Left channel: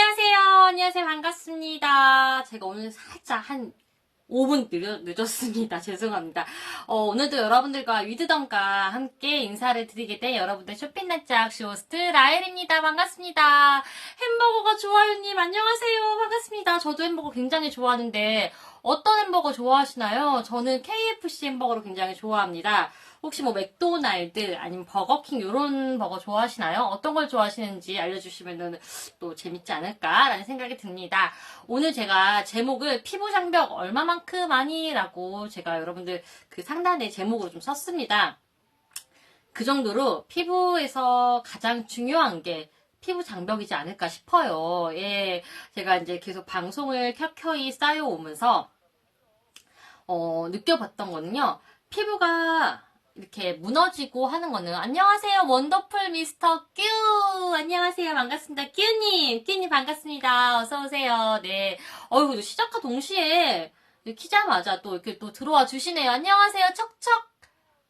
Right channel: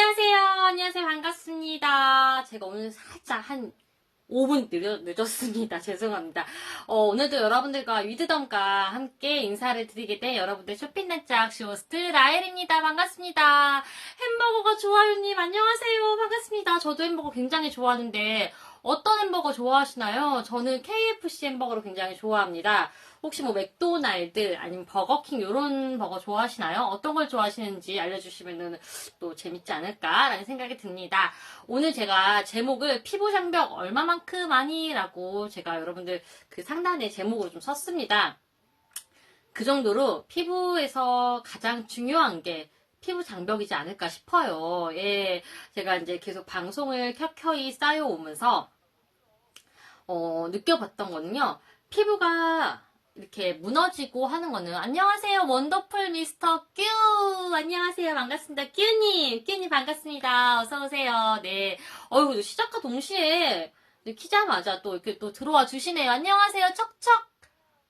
안녕하세요. 반갑습니다. 제가 오늘 살짝 한 5분 늦었습니다. 죄송합니다. 오늘도 여러분들과 위드덤과 함께 인사를 드리게 된 여러분들 쇼핑날짝 쇼호스트 라엘입니다. 반갑습니다. 햄버거가 좋아요님, 안녕하세요. 반갑습니다. 저도 햄버거 굉장히 좋아하는데, 어떤 햄버거 좋아하시나요? 저는 KFC 햄버거를 굉장히 좋아합니다. 혹시 뭐 맥도날드 아니면 버거킹 이런 버거 좋아하시나요? 어떤 걸 좋아하시는지 알려주시면 또 재밌지 않을까라는 생각이 듭니다. 오늘 제가 제목을 피부 장벽 얼마만큼 아니라고 제가 여러분들 그 상단에 제목을 좀 썼습니다. 그 정도로 피부에서 가장 중요한 게 피부 장벽이지 않을까 싶어요. 예, 제가 이제 계속 방송을 켜켜이 쌓여오면서 느껴봤던 거는요. 피부가 이렇게 무너지고 하는 거는 안녕하세요 원더풀 미스터 큐 안녕하세요 반갑습니다 끼우님 반갑습니다 어서오세요. 네, 어이구 시작과 동시에 키자마자 또 이렇게 또 들어와 주시네요. 안녕하세요 척척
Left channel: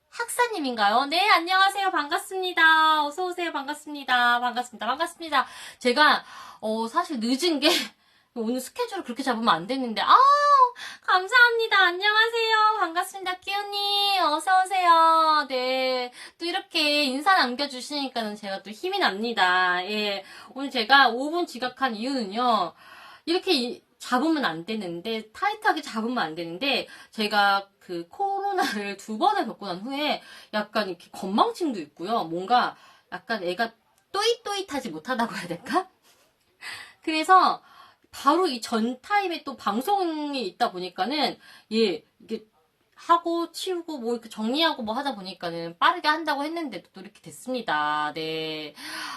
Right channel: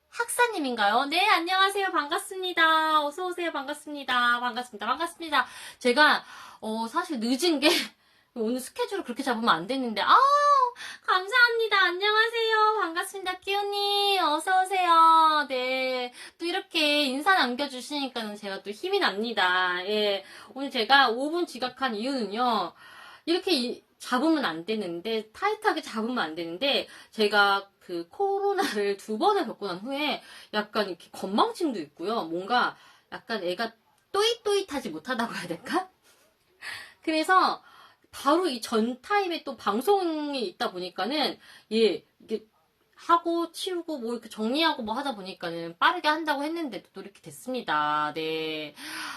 학사님인가요? 네, 안녕하세요 반갑습니다 어서오세요 반갑습니다. 제가 사실 늦은 게 오늘 스케줄을 그렇게 잡으면 안 됐는데 감사합니다. 안녕하세요. 반갑습니다. 끼우님 어서오세요. 네, 또 이렇게 인사 남겨주시니까 제가 또 힘이 납니다. 예, 오늘 제가 5분 지각한 이유는요. 이렇게 잡으면 안 되는데, 타이트하게 잡으면 안 되는데, 제가 그 코로나를 2번을 겪고 난 후에 약간 이렇게 건망증도 있고요. 뭔가 약간 애가 또잇또잇하지 못하다고 해야 될까? 그래서 바로 이 전 타임에 또 방송이 있다 보니까는, 예, 이게 하고 치우고 뭐 이렇게 정리하고 뭐 하다 보니까는 빠르게 한다고 했는데도 또 이렇게 됐습니다. 네.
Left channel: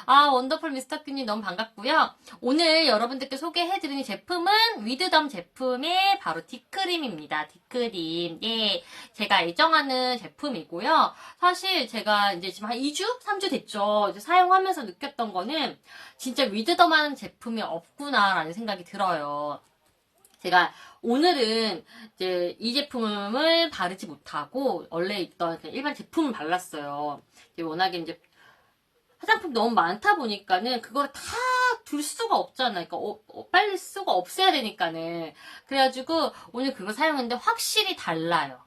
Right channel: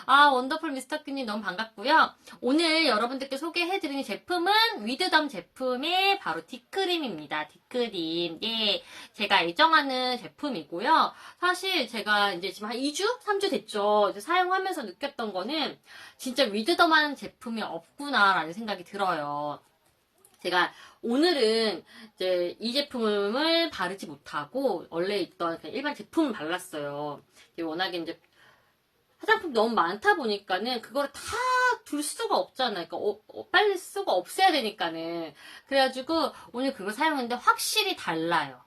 원더풀 미스터큐님 너무 반갑고요. 오늘 여러분들께 소개해드리는 제품은 위드덤 제품의 바로 딥크림입니다. 딥크림. 네. 제가 애정하는 제품이고요. 사실 제가 이제 지금 한 2주? 3주 됐죠. 이제 사용하면서 느꼈던 거는 진짜 위드덤한 제품이 없구나라는 생각이 들어요. 제가 오늘은 이제 이 제품을 바르지 못하고 원래 있던 일반 제품을 발랐어요. 워낙에 이제 화장품 너무 많다 보니까는 그걸 다 둘 수가 없잖아요. 그러니까 빨리 쓰고 없애야 되니까는. 그래가지고 오늘 그걸 사용했는데 확실히 달라요.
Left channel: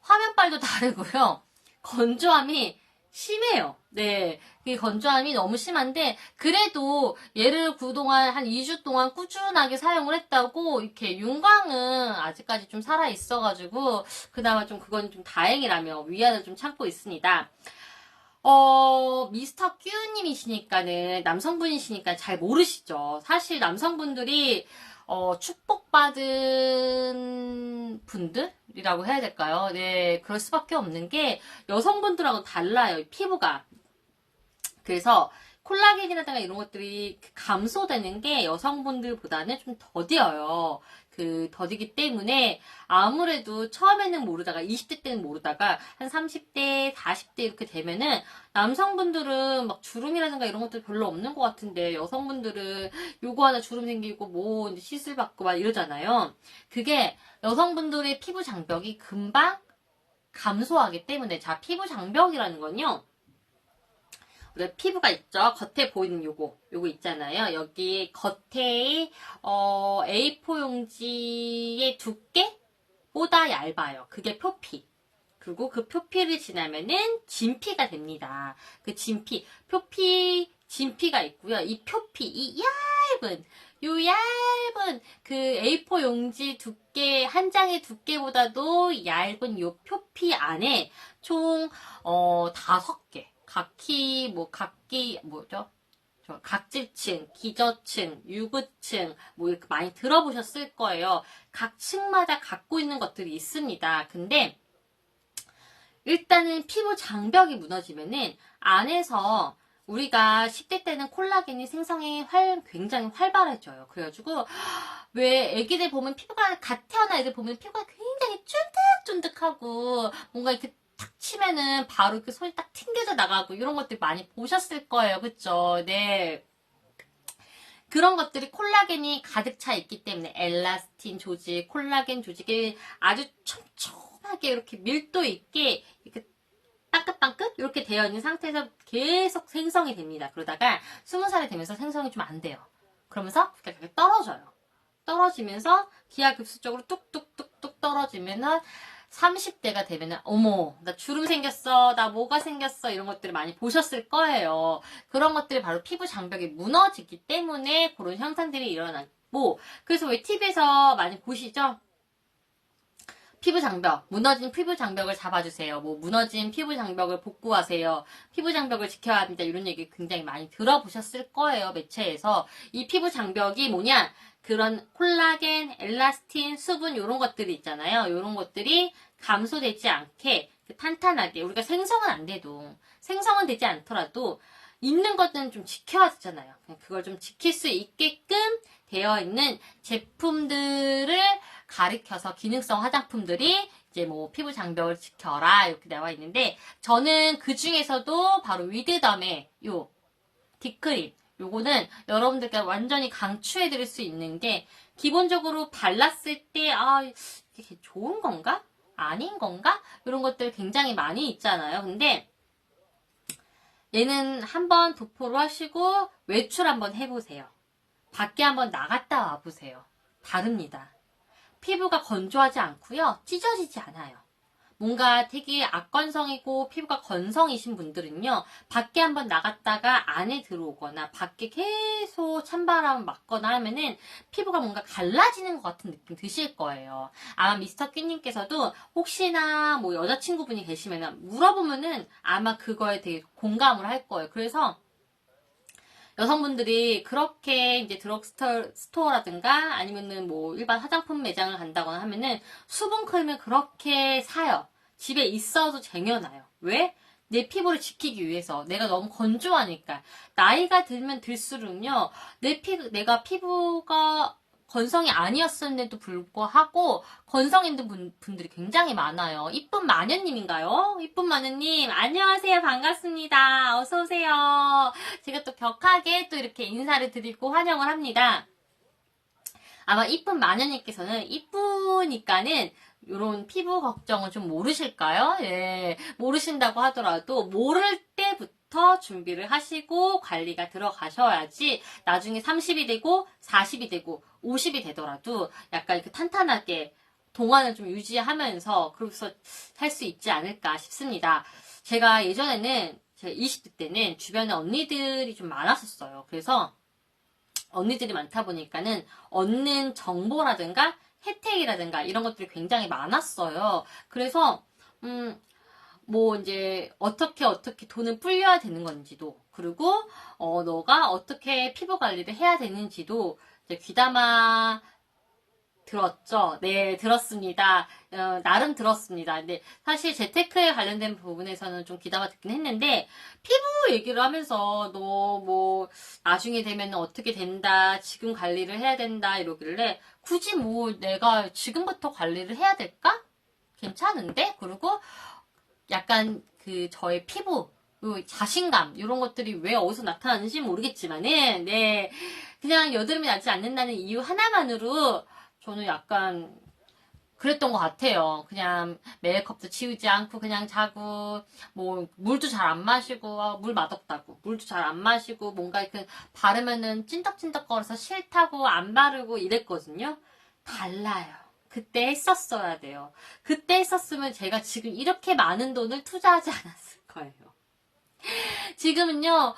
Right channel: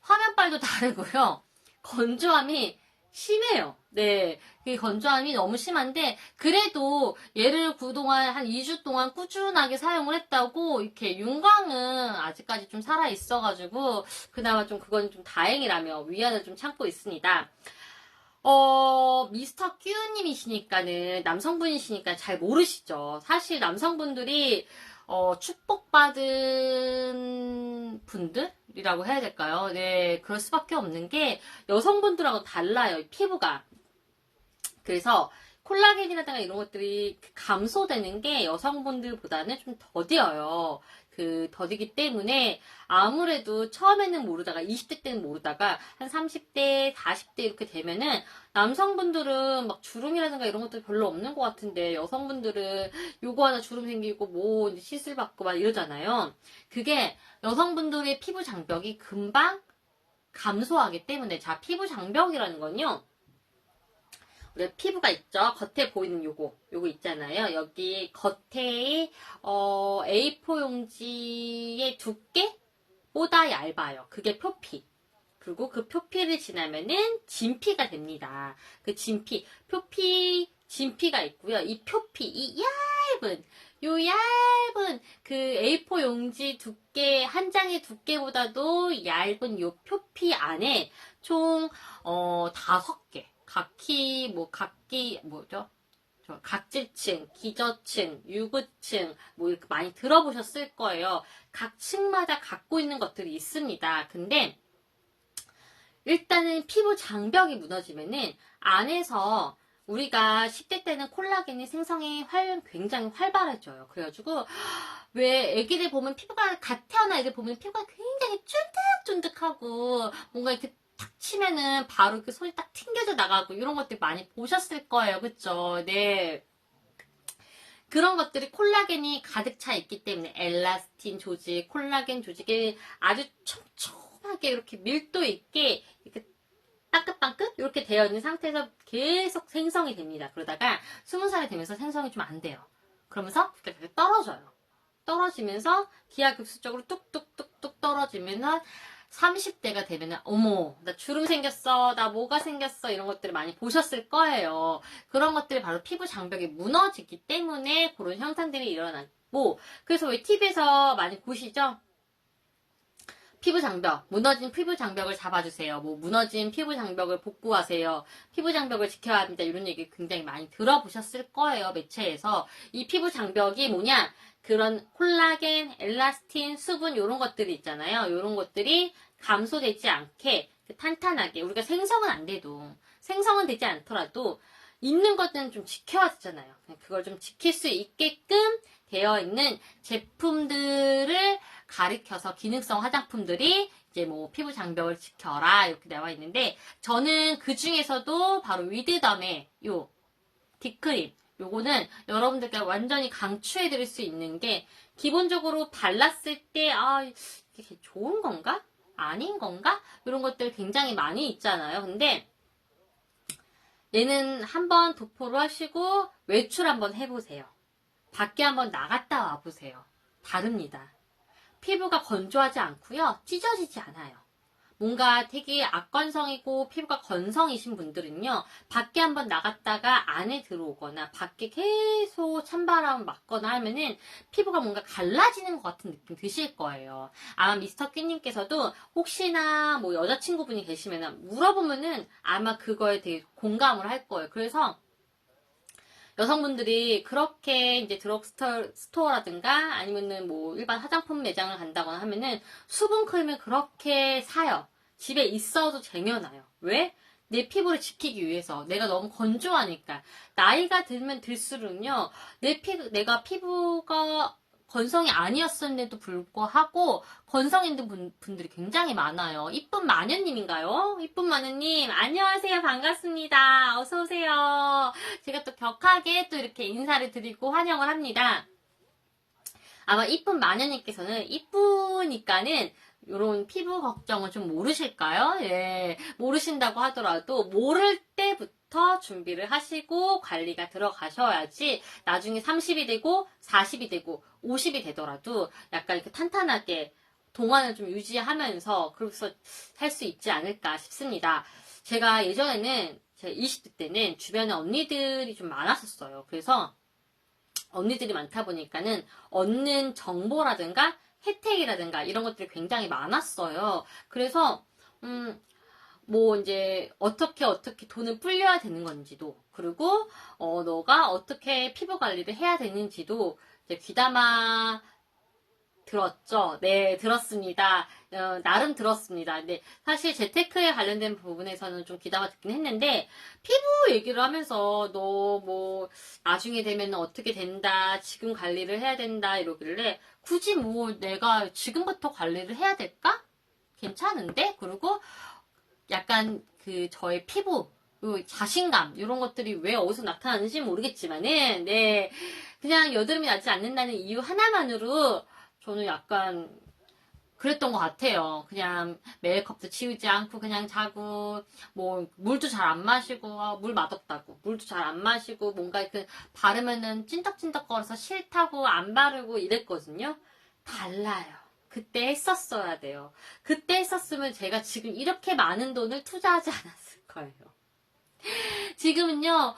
화면빨도 다르고요. 건조함이 심해요. 네. 그 건조함이 너무 심한데, 그래도 얘를 그동안 한 2주 동안 꾸준하게 사용을 했다고, 이렇게 윤광은 아직까지 좀 살아있어가지고, 그나마 좀 그건 좀 다행이라며 위안을 좀 참고 있습니다. 미스터 큐님이시니까는, 남성분이시니까 잘 모르시죠. 사실 남성분들이, 축복받은 분들이라고 해야 될까요? 네, 그럴 수밖에 없는 게 여성분들하고 달라요, 피부가. 그래서 콜라겐이라든가 이런 것들이 감소되는 게 여성분들보다는 좀 더뎌요. 더디기 때문에 아무래도 처음에는 모르다가 20대 때는 모르다가 한 30대, 40대 이렇게 되면은 남성분들은 막 주름이라든가 이런 것들 별로 없는 것 같은데 여성분들은 요거 하나 주름 생기고 뭐 이제 시술 받고 막 이러잖아요. 그게 여성분들의 피부 장벽이 금방 감소하기 때문에 자, 피부 장벽이라는 건요. 우리가 피부가 있죠. 겉에 보이는 요거 있잖아요. 여기 겉에 A4 용지의 두께보다 얇아요. 그게 표피. 그리고 그 표피를 지나면은 진피가 됩니다. 그 진피가 있고요. 이 표피, 이 얇은 그 A4 용지 두께, 한 장의 두께보다도 얇은 요 표피 안에 총 5개. 각질층, 기저층, 유구층, 뭐 이렇게 많이 들어보셨을 거예요. 각 층마다 갖고 있는 것들이 있습니다. 근데, 일단은 피부 장벽이 무너지면은, 안에서 우리가 10대 때는 콜라겐이 생성이 굉장히 활발해져요. 그래가지고, 왜 애기들 보면 갓 태어난 애들 보면 피부가 굉장히 쫀득쫀득하고, 뭔가 이렇게 탁 치면은 바로 그 손이 딱 튕겨져 나가고 이런 것들 많이 보셨을 거예요. 그쵸? 네. 그런 것들이 콜라겐이 가득 차 있기 때문에 엘라스틴 조직, 콜라겐 조직이 아주 촘촘하게 이렇게 밀도 있게 이렇게 빵긋빵긋 이렇게 되어 있는 상태에서 계속 생성이 됩니다. 그러다가 20살이 되면서 생성이 좀 안 돼요. 그러면서 그렇게 떨어져요. 떨어지면서 기하급수적으로 뚝뚝뚝뚝 떨어지면은 30대가 되면은 어머 나 주름 생겼어, 나 뭐가 생겼어, 이런 것들을 많이 보셨을 거예요. 그런 것들이 바로 피부 장벽이 무너지기 때문에 그런 현상들이 일어났고, 그래서 왜 TV에서 많이 보시죠? 피부 장벽, 무너진 피부 장벽을 잡아주세요. 뭐 무너진 피부 장벽을 복구하세요. 피부 장벽을 지켜야 합니다. 이런 얘기 굉장히 많이 들어보셨을 거예요. 매체에서. 이 피부 장벽이 뭐냐? 그런 콜라겐, 엘라스틴, 수분 이런 것들이 있잖아요. 이런 것들이 감소되지 않게 탄탄하게, 우리가 생성은 안 돼도, 생성은 되지 않더라도 있는 것들은 좀 지켜야 되잖아요. 그걸 좀 지킬 수 있게끔 되어 있는 제품들을 가리켜서 기능성 화장품들이 이제 뭐 피부 장벽을 지켜라 이렇게 나와 있는데, 저는 그 중에서도 바로 위드덤의 요 딥크림, 요거는 여러분들께 완전히 강추해 드릴 수 있는 게, 기본적으로 발랐을 때 이게 좋은 건가? 아닌 건가? 이런 것들 굉장히 많이 있잖아요. 근데 얘는 한번 도포를 하시고 외출 한번 해보세요. 밖에 한번 나갔다 와보세요. 다릅니다. 피부가 건조하지 않고요. 찢어지지 않아요. 뭔가 되게 악건성이고 피부가 건성이신 분들은요, 밖에 한번 나갔다가 안에 들어오거나 밖에 계속 찬바람 맞거나 하면은 피부가 뭔가 갈라지는 것 같은 느낌 드실 거예요. 아마 미스터 큐님께서도 혹시나 뭐 여자친구분이 계시면 물어보면은 아마 그거에 되게 공감을 할 거예요. 그래서 여성분들이 그렇게 이제 드럭스토어라든가 아니면은 뭐 일반 화장품 매장을 간다거나 하면은 수분크림을 그렇게 사요. 집에 있어도 쟁여놔요. 왜? 내 피부를 지키기 위해서. 내가 너무 건조하니까. 나이가 들면 들수록요, 내가 피부가 건성이 아니었음에도 불구하고 건성 있는 분들이 굉장히 많아요. 이쁜 마녀님인가요? 이쁜 마녀님, 안녕하세요. 반갑습니다. 어서오세요. 제가 또 격하게 또 이렇게 인사를 드리고 환영을 합니다. 아마 이쁜 마녀님께서는 이쁘니까는 이런 피부 걱정을 좀 모르실까요? 예, 모르신다고 하더라도 모를 때부터 준비를 하시고 관리가 들어가셔야지 나중에 30이 되고 40이 되고 50이 되더라도 약간 이렇게 탄탄하게 동안을 좀 유지하면서 그래서 할 수 있지 않을까 싶습니다. 제가 예전에는, 제가 20대 때는 주변에 언니들이 좀 많았었어요. 그래서 언니들이 많다 보니까는 얻는 정보라든가 혜택이라든가 이런 것들이 굉장히 많았어요. 그래서 뭐 이제 어떻게 돈을 불려야 되는 건지도, 그리고 너가 어떻게 피부 관리를 해야 되는지도 이제 귀담아 들었죠. 네, 들었습니다. 나름 들었습니다. 근데 사실 재테크에 관련된 부분에서는 좀 귀담아 듣긴 했는데, 피부 얘기를 하면서 너 뭐 나중에 되면 어떻게 된다, 지금 관리를 해야 된다 이러길래, 굳이 뭐 내가 지금부터 관리를 해야 될까? 괜찮은데? 그리고 약간 그 저의 피부, 요 자신감 이런 것들이 왜 어디서 나타나는지 모르겠지만은, 네, 그냥 여드름이 나지 않는다는 이유 하나만으로 저는 약간 그랬던 것 같아요. 그냥 메이크업도 지우지 않고 그냥 자고, 뭐 물도 잘 안 마시고, 물 맛없다고 물도 잘 안 마시고, 뭔가 그 바르면은 찐덕찐덕거려서 싫다고 안 바르고 이랬거든요. 달라요. 그때 했었어야 돼요. 그때 했었으면 제가 지금 이렇게 많은 돈을 투자하지 않았을 거예요. 지금은요,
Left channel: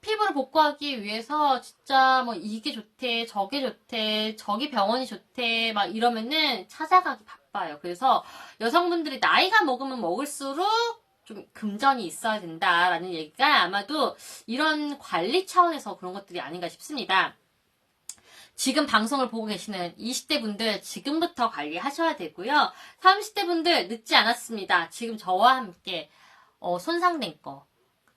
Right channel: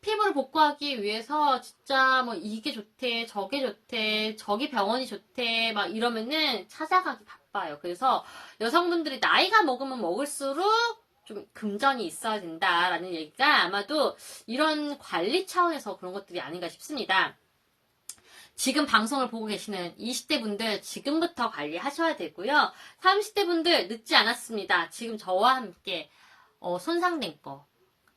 피부를 복구하기 위해서 진짜 뭐 이게 좋대, 저게 좋대, 저기 병원이 좋대 막 이러면은 찾아가기 바빠요. 그래서 여성분들이 나이가 먹으면 먹을수록 좀 금전이 있어야 된다라는 얘기가 아마도 이런 관리 차원에서 그런 것들이 아닌가 싶습니다. 지금 방송을 보고 계시는 20대 분들 지금부터 관리하셔야 되고요. 30대 분들 늦지 않았습니다. 지금 저와 함께 손상된 거,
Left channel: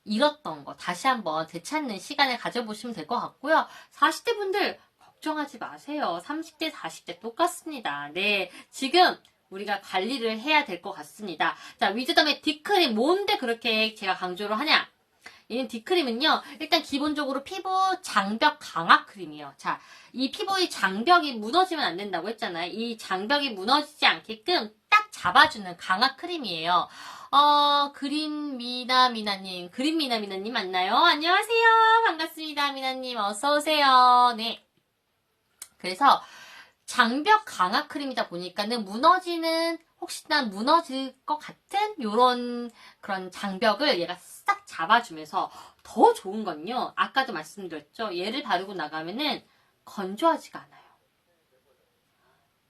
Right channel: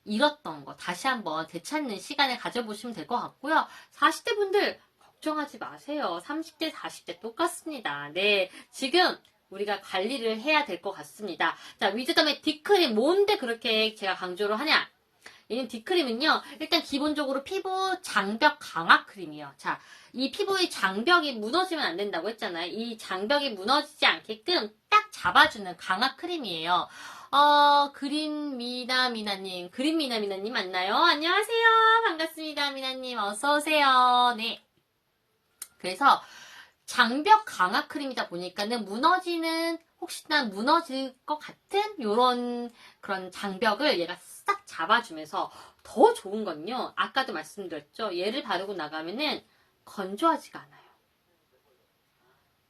잃었던 거 다시 한번 되찾는 시간을 가져보시면 될 것 같고요. 40대 분들 걱정하지 마세요. 30대, 40대 똑같습니다. 네, 지금 우리가 관리를 해야 될 것 같습니다. 자, 위즈덤의 딥크림, 뭔데 그렇게 제가 강조를 하냐? 이 딥크림은요, 일단 기본적으로 피부 장벽 강화 크림이에요. 자, 이 피부의 장벽이 무너지면 안 된다고 했잖아요. 이 장벽이 무너지지 않게끔 딱 잡아주는 강화 크림이에요. 그린미나미나님 맞나요? 안녕하세요. 반갑습니다. 미나님, 어서오세요. 네. 그래서 장벽 강화 크림이다 보니까는 혹시나 무너질 것 같은 요런 그런 장벽을 얘가 싹 잡아주면서 더 좋은 건요. 아까도 말씀드렸죠. 얘를 바르고 나가면은 건조하지가 않아요.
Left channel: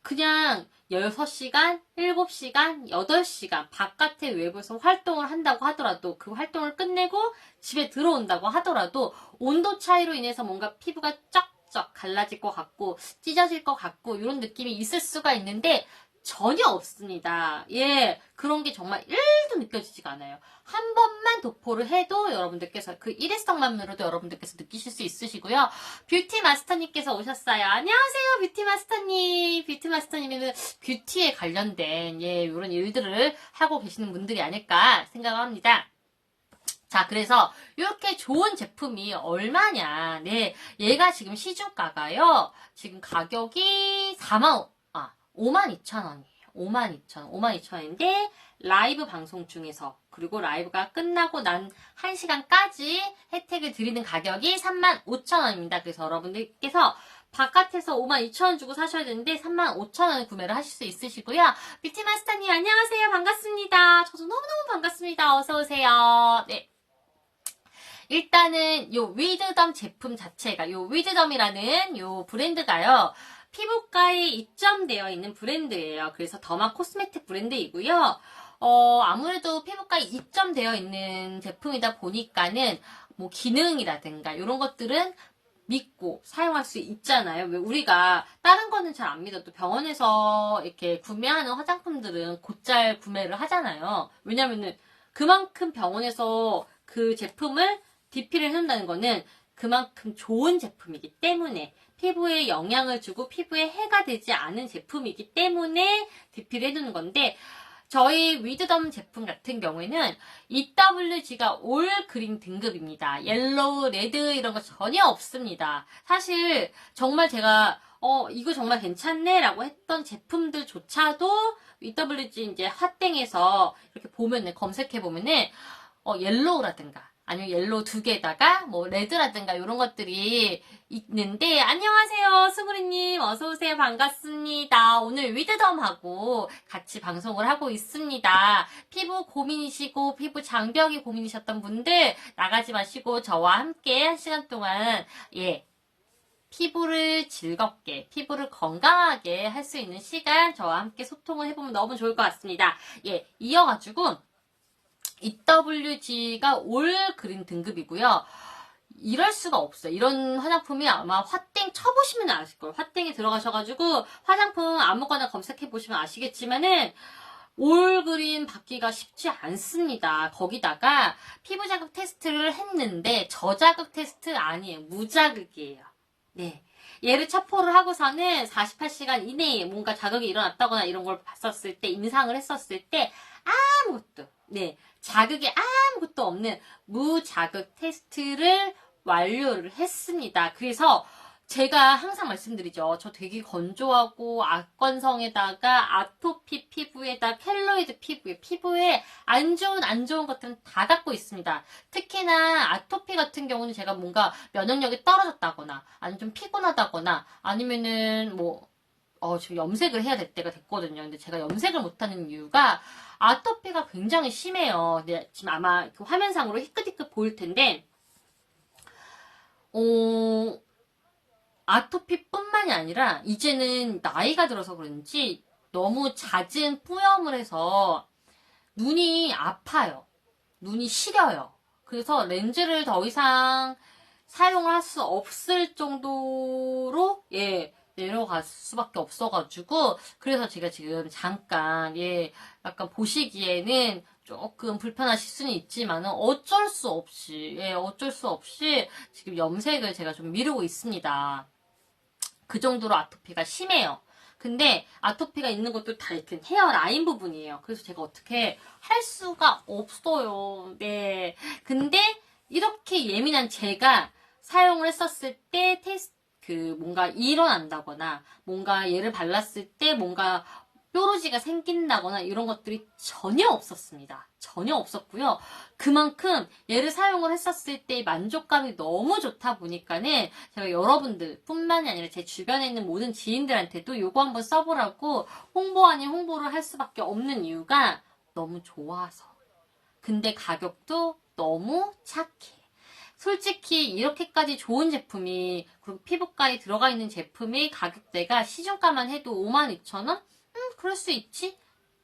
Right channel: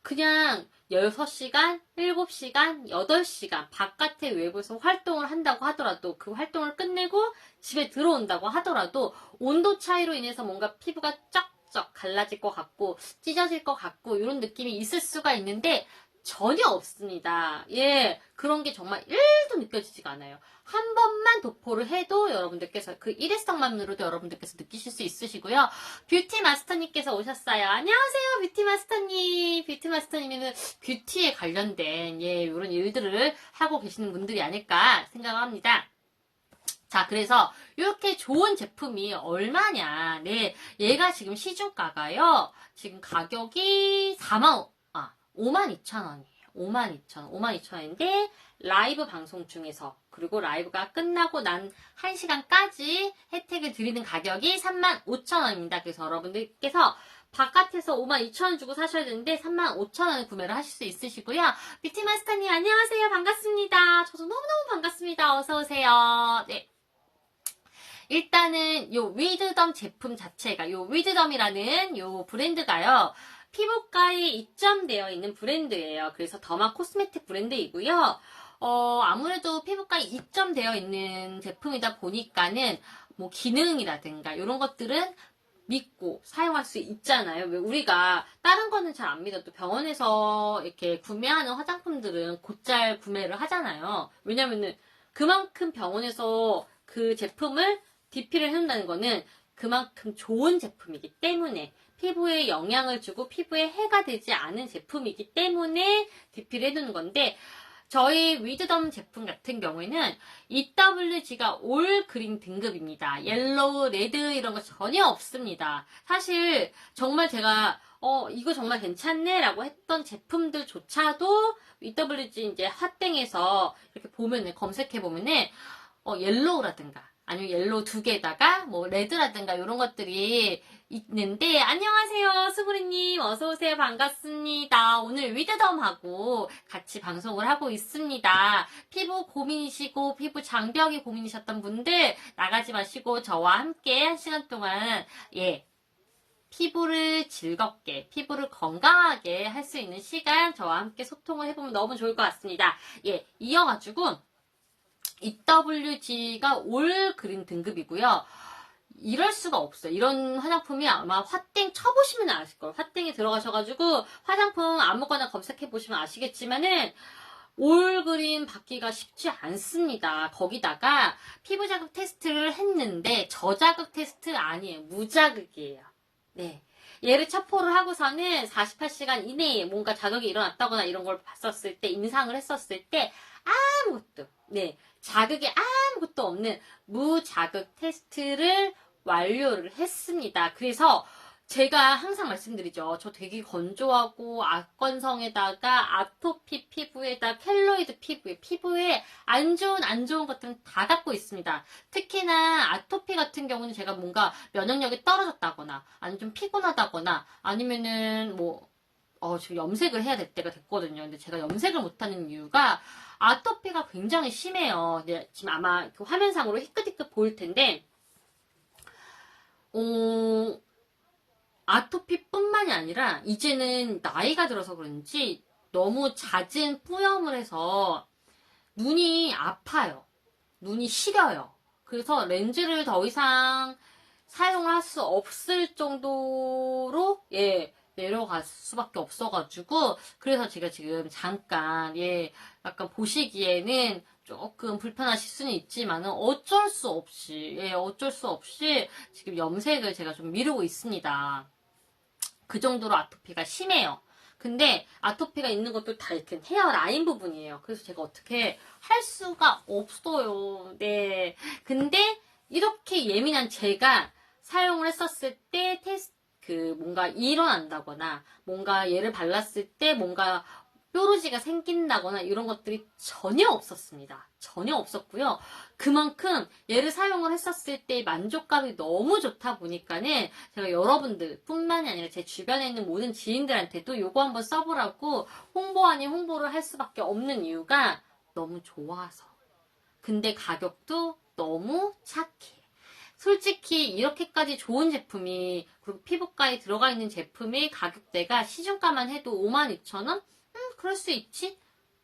그냥 6시간, 7시간, 8시간 바깥의 외부에서 활동을 한다고 하더라도 그 활동을 끝내고 집에 들어온다고 하더라도 온도 차이로 인해서 뭔가 피부가 쩍쩍 갈라질 것 같고 찢어질 것 같고 이런 느낌이 있을 수가 있는데 전혀 없습니다. 예, 그런 게 정말 1도 느껴지지가 않아요. 한 번만 도포를 해도 여러분들께서 그 일회성만으로도 여러분들께서 느끼실 수 있으시고요. 뷰티 마스터님께서 오셨어요. 안녕하세요, 뷰티 마스터님. 뷰티 마스터님은 뷰티에 관련된 이런 일들을 하고 계시는 분들이 아닐까 생각합니다. 자, 그래서 이렇게 좋은 제품이 얼마냐? 네, 얘가 지금 시중가가요. 지금 가격이 52,000원이에요. 52,000원인데 라이브 방송 중에서 그리고 라이브가 끝나고 난 1시간까지 혜택을 드리는 가격이 35,000원입니다. 그래서 여러분들께서 바깥에서 52,000원 주고 사셔야 되는데 35,000원 구매를 하실 수 있으시고요. 뷰티마스터님 안녕하세요. 반갑습니다. 저도 너무너무 반갑습니다. 어서오세요. 네. 일단은 요 위드덤 제품 자체가 요 위드덤이라는 요 브랜드가요. 피부과에 입점되어 있는 브랜드예요. 그래서 더마 코스메틱 브랜드이고요. 아무래도 피부과에 입점되어 있는 제품이다 보니까는 뭐 기능이라든가 이런 것들은 믿고 사용할 수 있잖아요. 왜 우리가 다른 거는 잘 안 믿어도 병원에서 이렇게 구매하는 화장품들은 곧잘 구매를 하잖아요. 왜냐면은 그만큼 병원에서 그 제품을 DP를 해준다는 거는 그만큼 좋은 제품이기 때문에 피부에 영향을 주고 피부에 해가 되지 않은 제품이기 때문에 DP를 해두는 건데 저희 위드덤 제품 같은 경우에는 EWG가 올 그린 등급입니다. 옐로우, 레드 이런 거 전혀 없습니다. 사실 정말 제가 이거 정말 괜찮네 라고 했던 제품들조차도 EWG 이제 핫땡에서 이렇게 보면은 검색해 보면은 옐로우라든가 아니면 옐로우 2개에다가 뭐 레드라든가 이런 것들이 있는데 안녕하세요 수구리님 어서오세요 반갑습니다. 오늘 위드덤하고 같이 방송을 하고 있습니다. 피부 고민이시고 피부 장벽이 고민이셨던 분들 나가지 마시고 저와 함께 1시간 동안 피부를 즐겁게 피부를 건강하게 할 수 있는 시간 저와 함께 소통을 해보면 너무 좋을 것 같습니다. 이어가지고 EWG가 올 그린 등급이고요. 이럴 수가 없어요. 이런 화장품이 아마 화땡 쳐보시면 아실 거예요. 화땡에 들어가셔가지고 화장품 아무거나 검색해보시면 아시겠지만은 올 그린 받기가 쉽지 않습니다. 거기다가 피부 자극 테스트를 했는데 저자극 테스트 아니에요. 무자극이에요. 네. 얘를 첩보를 하고서는 48시간 이내에 뭔가 자극이 일어났다거나 이런 걸 봤었을 때, 임상을 했었을 때 아무것도 자극이 아무것도 없는 무자극 테스트를 완료를 했습니다. 그래서 제가 항상 말씀드리죠. 저 되게 건조하고 악건성에다가 아토피 피부에다 켈로이드 피부에 안 좋은 것들은 다 갖고 있습니다. 특히나 아토피 같은 경우는 제가 뭔가 면역력이 떨어졌다거나 아니면 좀 피곤하다거나 아니면은 지금 염색을 해야 될 때가 됐거든요. 근데 제가 염색을 못하는 이유가 아토피가 굉장히 심해요. 근데 지금 아마 화면상으로 희끗희끗 보일 텐데, 아토피뿐만이 아니라 이제는 나이가 들어서 그런지 너무 잦은 뿌염을 해서 눈이 아파요. 눈이 시려요. 그래서 렌즈를 더 이상 사용을 할 수 없을 정도로 내려갈 수밖에 없어가지고 그래서 제가 지금 잠깐 약간 보시기에는 조금 불편하실 수는 있지만 어쩔 수 없이 지금 염색을 제가 좀 미루고 있습니다. 그 정도로 아토피가 심해요. 근데 아토피가 있는 것도 다 이렇게 헤어라인 부분이에요. 그래서 제가 어떻게 할 수가 없어요. 네. 근데 이렇게 예민한 제가 사용을 했었을 때 뭔가 일어난다거나 뭔가 얘를 발랐을 때 뭔가 뾰루지가 생긴다거나 이런 것들이 전혀 없었습니다. 전혀 없었고요. 그만큼 얘를 사용을 했었을 때 만족감이 너무 좋다 보니까는 제가 여러분들 뿐만이 아니라 제 주변에 있는 모든 지인들한테도 요거 한번 써보라고 홍보 아닌 홍보를 할 수밖에 없는 이유가 너무 좋아서. 근데 가격도 너무 착해. 솔직히 이렇게까지 좋은 제품이, 그리고 피부과에 들어가 있는 제품의 가격대가 시중가만 해도 52,000원? 그럴 수 있지.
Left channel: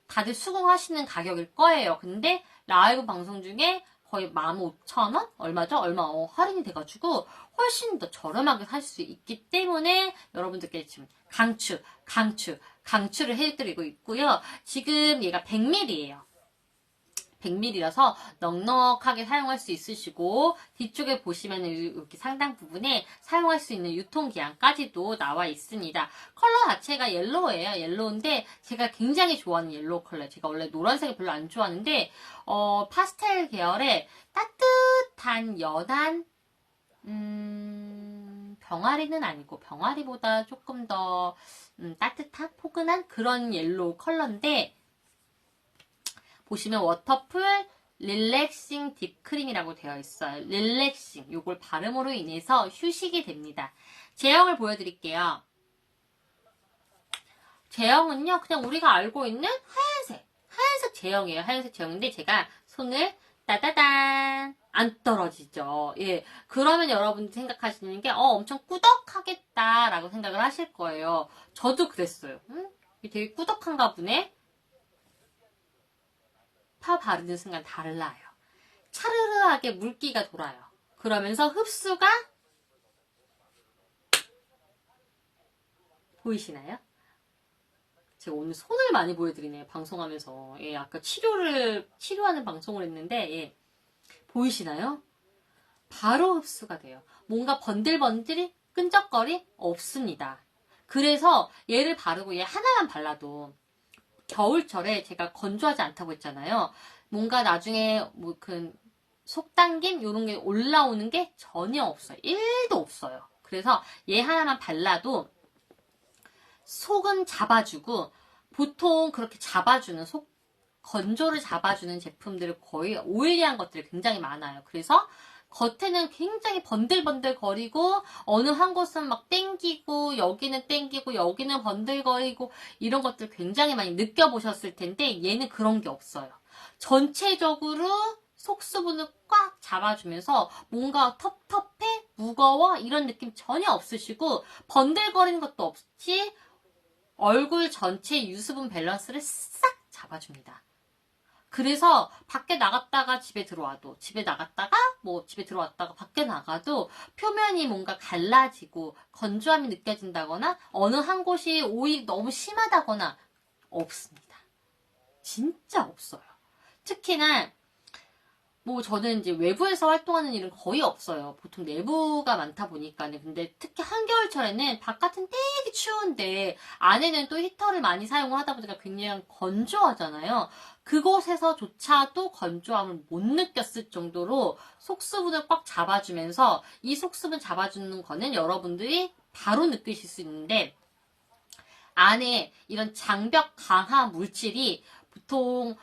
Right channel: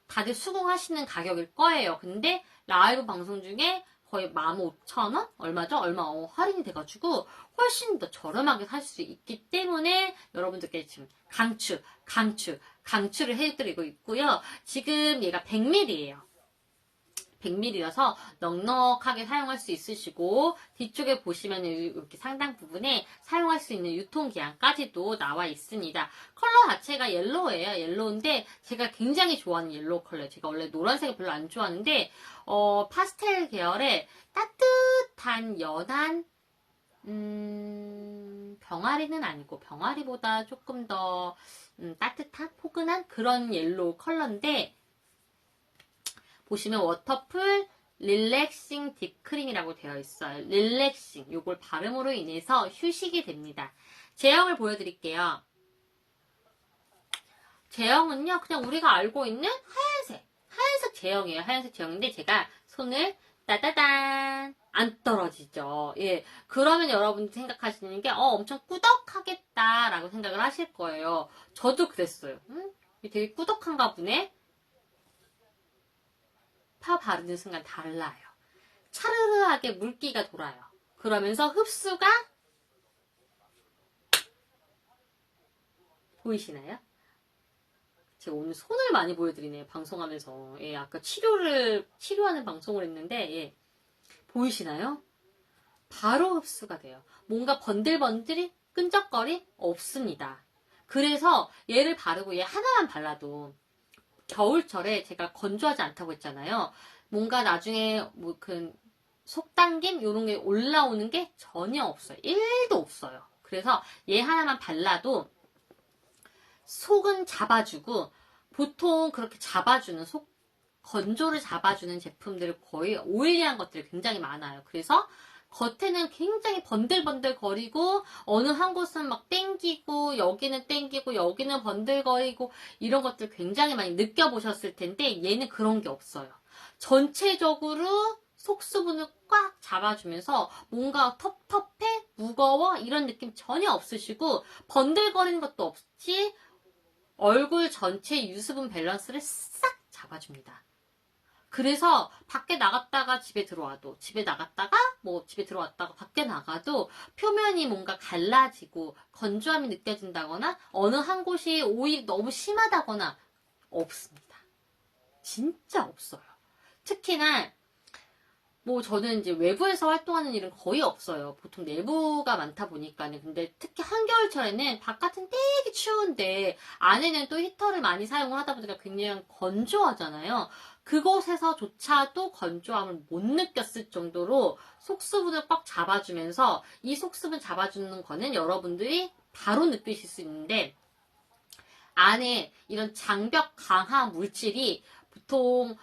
다들 수긍하시는 가격일 거예요. 근데 라이브 방송 중에 거의 15,000원? 얼마죠? 할인이 돼가지고 훨씬 더 저렴하게 살 수 있기 때문에 여러분들께 지금 강추를 해드리고 있고요. 지금 얘가 100ml예요. 100ml라서 넉넉하게 사용할 수 있으시고, 뒤쪽에 보시면 이렇게 상당 부분에 사용할 수 있는 유통기한까지도 나와 있습니다. 컬러 자체가 옐로우예요. 옐로우인데 제가 굉장히 좋아하는 옐로우 컬러예요. 제가 원래 노란색을 별로 안 좋아하는데 파스텔 계열의 따뜻한 연한 병아리는 아니고 병아리보다 조금 더 따뜻한 포근한 그런 옐로우 컬러인데, 보시면 워터풀 릴렉싱 딥크림이라고 되어 있어요. 릴렉싱, 요걸 발음으로 인해서 휴식이 됩니다. 제형을 보여드릴게요. 제형은요, 그냥 우리가 알고 있는 하얀색 제형이에요. 하얀색 제형인데 제가 손을 따다단 안 떨어지죠. 예, 그러면 여러분이 생각하시는 게 엄청 꾸덕하겠다라고 생각을 하실 거예요. 저도 그랬어요. 되게 꾸덕한가 보네. 파 바르는 순간 달라요. 차르르하게 물기가 돌아요. 그러면서 흡수가 보이시나요? 제가 오늘 손을 많이 보여드리네요. 방송하면서. 예, 아까 치료하는 방송을 했는데, 예, 보이시나요? 바로 흡수가 돼요. 뭔가 번들번들이 끈적거리 없습니다. 그래서 얘를 바르고 얘 하나만 발라도 겨울철에 제가 건조하지 않다고 했잖아요. 뭔가 나중에 속 당김 이런 게 올라오는 게 전혀 없어요. 1도 없어요. 그래서 얘 하나만 발라도 속은 잡아주고, 보통 그렇게 잡아주는 건조를 잡아주는 제품들을 거의 오일리한 것들이 굉장히 많아요. 그래서 겉에는 굉장히 번들번들거리고 어느 한 곳은 막 땡기고 여기는 땡기고 여기는 번들거리고 이런 것들 굉장히 많이 느껴보셨을 텐데, 얘는 그런 게 없어요. 전체적으로 속수분을 꽉 잡아주면서 뭔가 텁텁해, 무거워 이런 느낌 전혀 없으시고, 번들거리는 것도 없이 얼굴 전체 유수분 밸런스를 싹 잡아줍니다. 그래서 밖에 나갔다가 집에 들어와도, 집에 들어왔다가 밖에 나가도 표면이 뭔가 갈라지고 건조함이 느껴진다거나 어느 한 곳이 오일이 너무 심하다거나 없습니다. 진짜 없어요. 특히나 저는 이제 외부에서 활동하는 일은 거의 없어요. 보통 내부가 많다 보니까는. 근데 특히 한겨울철에는 바깥은 되게 추운데 안에는 또 히터를 많이 사용을 하다 보니까 굉장히 건조하잖아요. 그곳에서조차도 건조함을 못 느꼈을 정도로 속수분을 꽉 잡아주면서, 이 속수분 잡아주는 거는 여러분들이 바로 느끼실 수 있는데, 안에 이런 장벽 강화 물질이 보통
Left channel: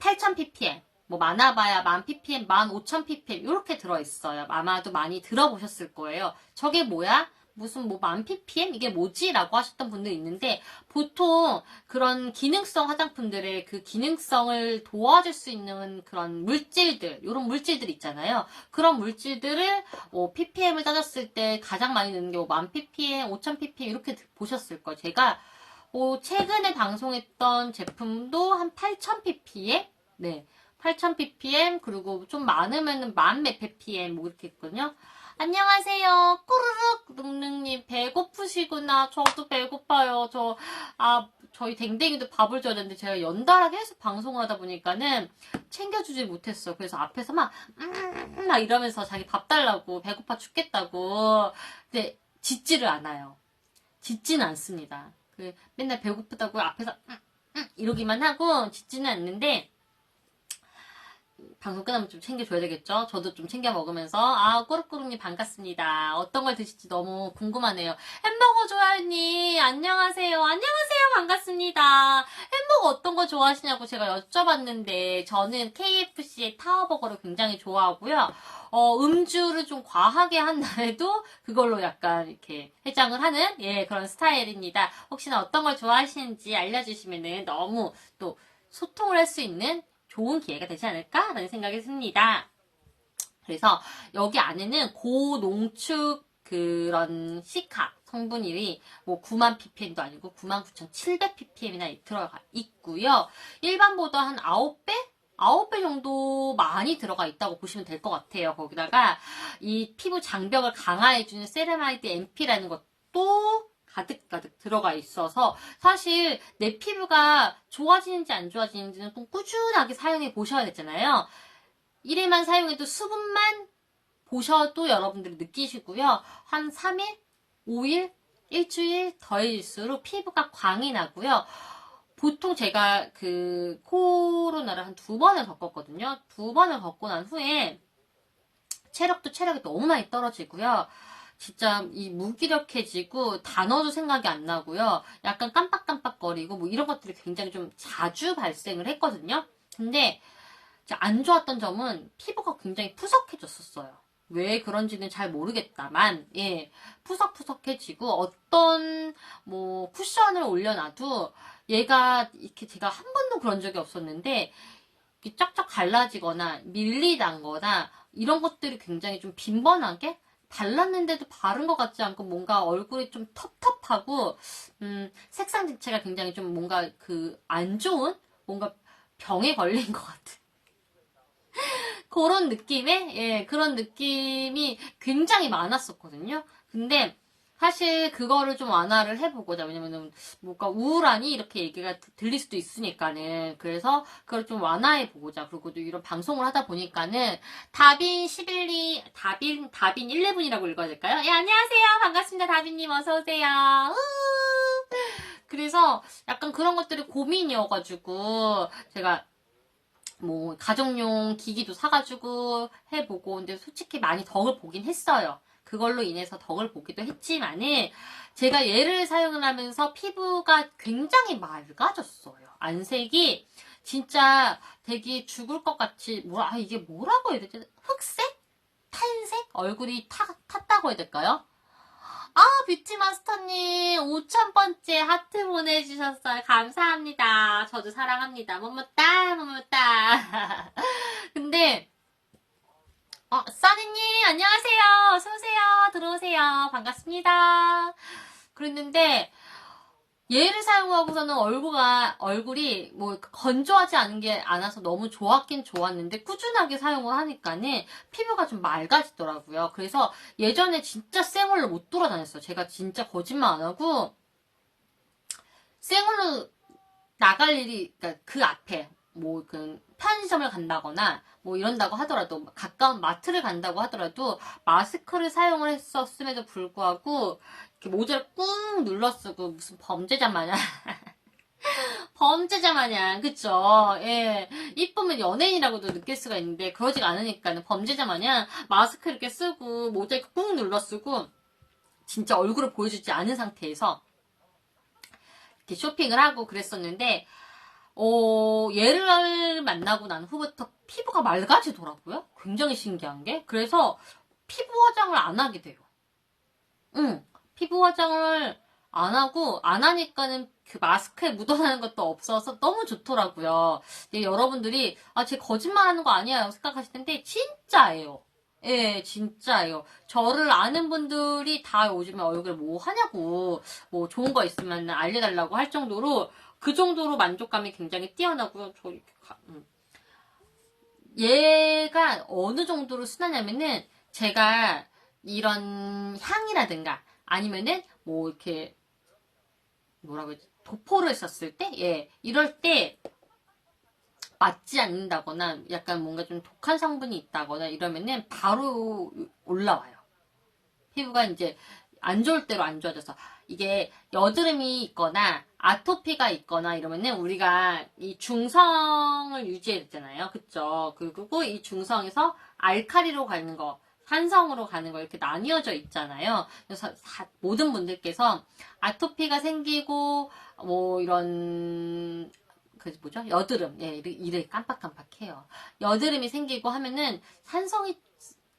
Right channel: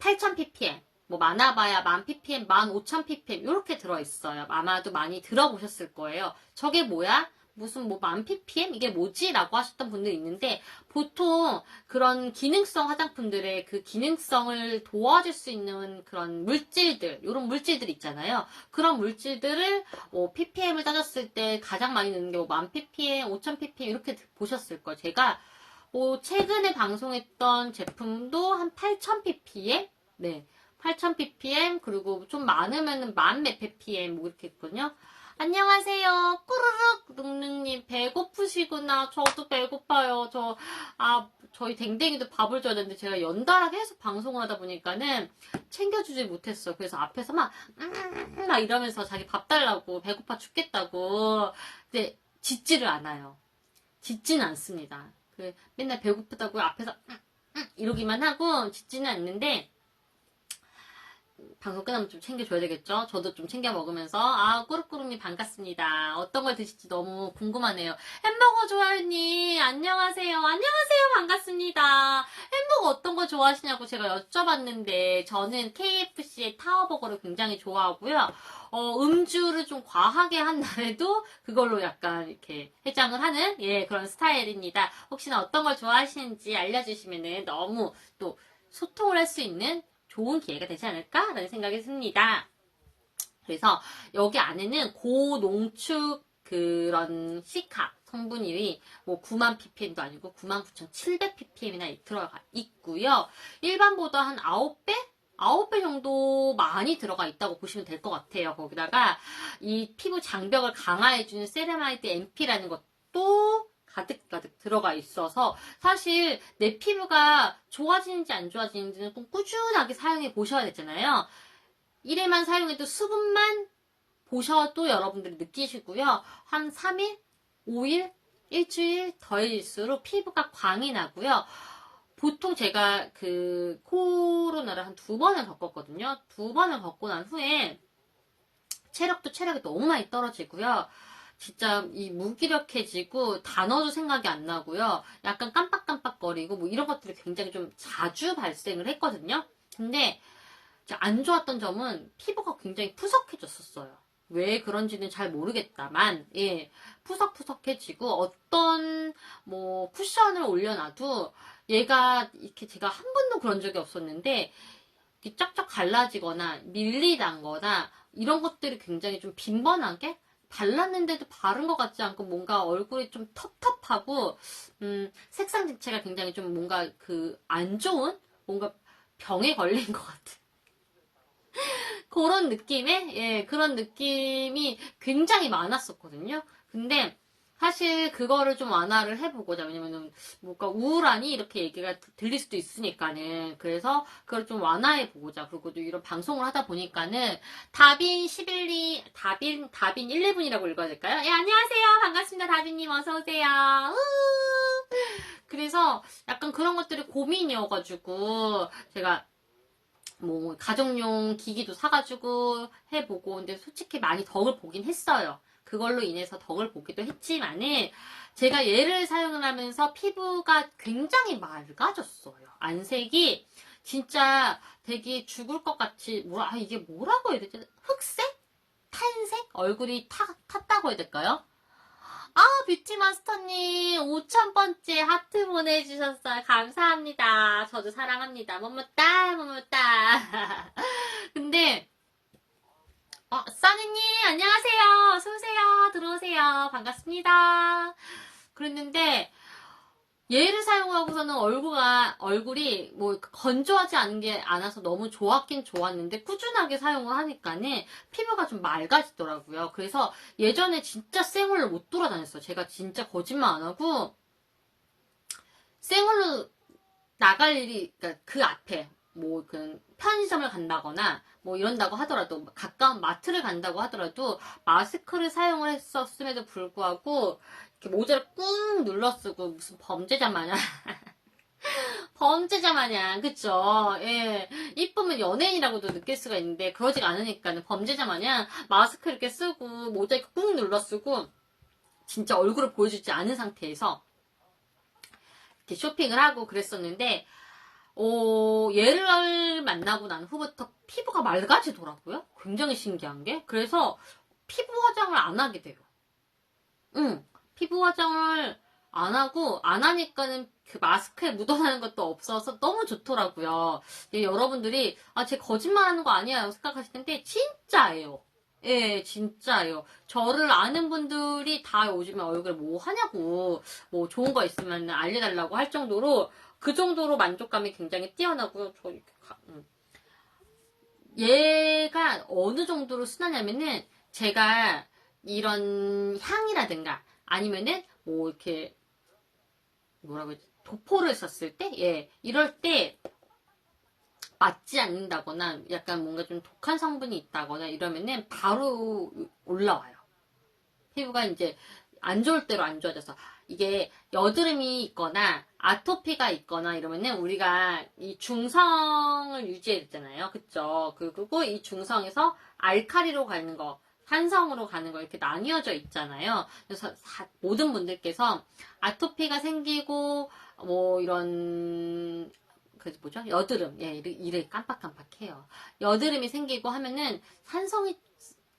8000ppm, 많아봐야 1000ppm, 15000ppm 이렇게 들어있어요. 아마도 많이 들어보셨을 거예요. 저게 뭐야? 무슨 1000ppm? 이게 뭐지? 라고 하셨던 분들 있는데, 보통 그런 기능성 화장품들의 그 기능성을 도와줄 수 있는 그런 물질들, 이런 물질들 있잖아요. 그런 물질들을 ppm을 따졌을 때 가장 많이 넣는 게 1000ppm, 5000ppm 이렇게 보셨을 거예요. 제가 최근에 방송했던 제품도 한 8000ppm? 네. 8000ppm, 그리고 좀 많으면 10,000몇 ppm 이렇게 있거든요. 안녕하세요. 꾸르륵 눅눅님 배고프시구나. 저도 배고파요. 저희 댕댕이도 밥을 줘야 되는데 제가 연달아 계속 방송을 하다 보니까는 챙겨주지 못했어. 그래서 앞에서 막 이러면서 자기 밥 달라고, 배고파 죽겠다고. 근데 짖지를 않아요. 짖지는 않습니다. 맨날 배고프다고 앞에서 이러기만 하고 짖지는 않는데, 방송 끝나면 좀 챙겨줘야 되겠죠? 저도 좀 챙겨 먹으면서. 아, 꾸룩꾸룩님 반갑습니다. 어떤 걸 드실지 너무 궁금하네요. 햄버거 좋아요님, 안녕하세요. 안녕하세요. 반갑습니다. 햄버거 어떤 거 좋아하시냐고 제가 여쭤봤는데, 저는 KFC의 타워버거를 굉장히 좋아하고요. 음주를 좀 과하게 한 날에도 그걸로 약간 이렇게 해장을 하는, 예, 그런 스타일입니다. 혹시나 어떤 걸 좋아하시는지 알려주시면은 너무 또 소통을 할 수 있는 좋은 기회가 되지 않을까라는 생각이 듭니다. 그래서 여기 안에는 고농축 그런 시카 성분이 뭐 9만 ppm도 아니고 99,700ppm이나 들어가 있고요. 일반보다 한 9배? 9배 정도 많이 들어가 있다고 보시면 될 것 같아요. 거기다가 이 피부 장벽을 강화해주는 세라마이드 MP라는 것도 가득가득 들어가 있어서 사실 내 피부가 좋아지는지 안 좋아지는지는 꼭 꾸준하게 사용해 보셔야 되잖아요. 1회만 사용해도 수분만 보셔도 여러분들이 느끼시고요. 한 3일, 5일, 일주일 더해질수록 피부가 광이 나고요. 보통 제가 그 코로나를 한 2번을 겪었거든요. 2번을 겪고 난 후에 체력이 너무 많이 떨어지고요. 진짜 이 무기력해지고 단어도 생각이 안 나고요. 약간 깜빡깜빡거리고 뭐 이런 것들이 굉장히 좀 자주 발생을 했거든요. 근데 안 좋았던 점은 피부가 굉장히 푸석해졌었어요. 왜 그런지는 잘 모르겠다만, 예, 푸석푸석해지고 어떤 뭐 쿠션을 올려놔도 얘가 이렇게 제가 한 번도 그런 적이 없었는데 이렇게 쫙쫙 갈라지거나 밀리다거나 이런 것들이 굉장히 좀 빈번하게 발랐는데도 바른 것 같지 않고 뭔가 얼굴이 좀 텁텁하고 색상 자체가 굉장히 좀 뭔가 그 안 좋은 뭔가 병에 걸린 것 같은 그런 느낌의, 예, 그런 느낌이 굉장히 많았었거든요. 근데 사실 그거를 좀 완화를 해보고자, 왜냐면은 뭔가 우울하니 이렇게 얘기가 들릴 수도 있으니까는. 그래서 그걸 좀 완화해보고자. 그리고 또 이런 방송을 하다 보니까는 다빈 11리, 다빈 11분이라고 읽어야 될까요? 예, 안녕하세요. 반갑습니다. 다빈님 어서오세요. 그래서 약간 그런 것들이 고민이어가지고 제가 뭐 가정용 기기도 사가지고 해보고 근데 솔직히 많이 덕을 보긴 했어요. 그걸로 인해서 덕을 보기도 했지만은 제가 얘를 사용을 하면서 피부가 굉장히 맑아졌어요. 안색이 진짜 되게 죽을 것 같이 이게 뭐라고 해야 되지? 흑색? 탄색? 얼굴이 탔다고 해야 될까요? 아, 뷰티마스터님, 5,000번째 하트 보내주셨어요. 감사합니다. 저도 사랑합니다. 뭐뭐따, 뭐뭐따. 근데, 써니님, 안녕하세요. 어서오세요. 들어오세요. 반갑습니다. 그랬는데, 얘를 사용하고서는 얼굴이 뭐 건조하지 않아서 너무 좋았긴 좋았는데 꾸준하게 사용을 하니까는 피부가 좀 맑아지더라고요. 그래서 예전에 진짜 생얼로 못 돌아다녔어요. 제가 진짜 거짓말 안 하고 생얼로 나갈 일이 그러니까 그 앞에 뭐 그 편의점을 간다거나 뭐 이런다고 하더라도 가까운 마트를 간다고 하더라도 마스크를 사용을 했었음에도 불구하고 이렇게 모자를 꾹 눌러 쓰고 무슨 범죄자 마냥 범죄자 마냥 그쵸? 예, 이쁘면 연예인이라고도 느낄 수가 있는데 그러지가 않으니까는 범죄자 마냥 마스크 이렇게 쓰고 모자 이렇게 꾹 눌러 쓰고 진짜 얼굴을 보여주지 않은 상태에서 이렇게 쇼핑을 하고 그랬었는데 얘를 만나고 난 후부터 피부가 맑아지더라고요. 굉장히 신기한 게. 그래서 피부 화장을 안 하게 돼요. 피부 화장을 안 하고, 안 하니까는 그 마스크에 묻어나는 것도 없어서 너무 좋더라고요. 근데 여러분들이, 제 거짓말 하는 거 아니야. 생각하실 텐데, 진짜예요. 예, 진짜예요. 저를 아는 분들이 다 요즘에 얼굴에 뭐 하냐고, 뭐 좋은 거 있으면 알려달라고 할 정도로, 그 정도로 만족감이 굉장히 뛰어나고요. 얘가 어느 정도로 순하냐면은, 제가 이런 향이라든가, 아니면은, 뭐, 이렇게, 뭐라고 해야지, 도포를 썼을 때, 예, 이럴 때, 맞지 않는다거나 약간 뭔가 좀 독한 성분이 있다거나 이러면은 바로 올라와요. 피부가 이제 안 좋을 대로 안 좋아져서 이게 여드름이 있거나 아토피가 있거나 이러면은 우리가 이 중성을 유지해야 되잖아요. 그쵸? 그리고 이 중성에서 알칼리로 가는 거, 산성으로 가는 거 이렇게 나뉘어져 있잖아요. 그래서 모든 분들께서 아토피가 생기고 뭐 이런 그 뭐죠? 여드름, 예, 이를 깜빡깜빡해요. 여드름이 생기고 하면은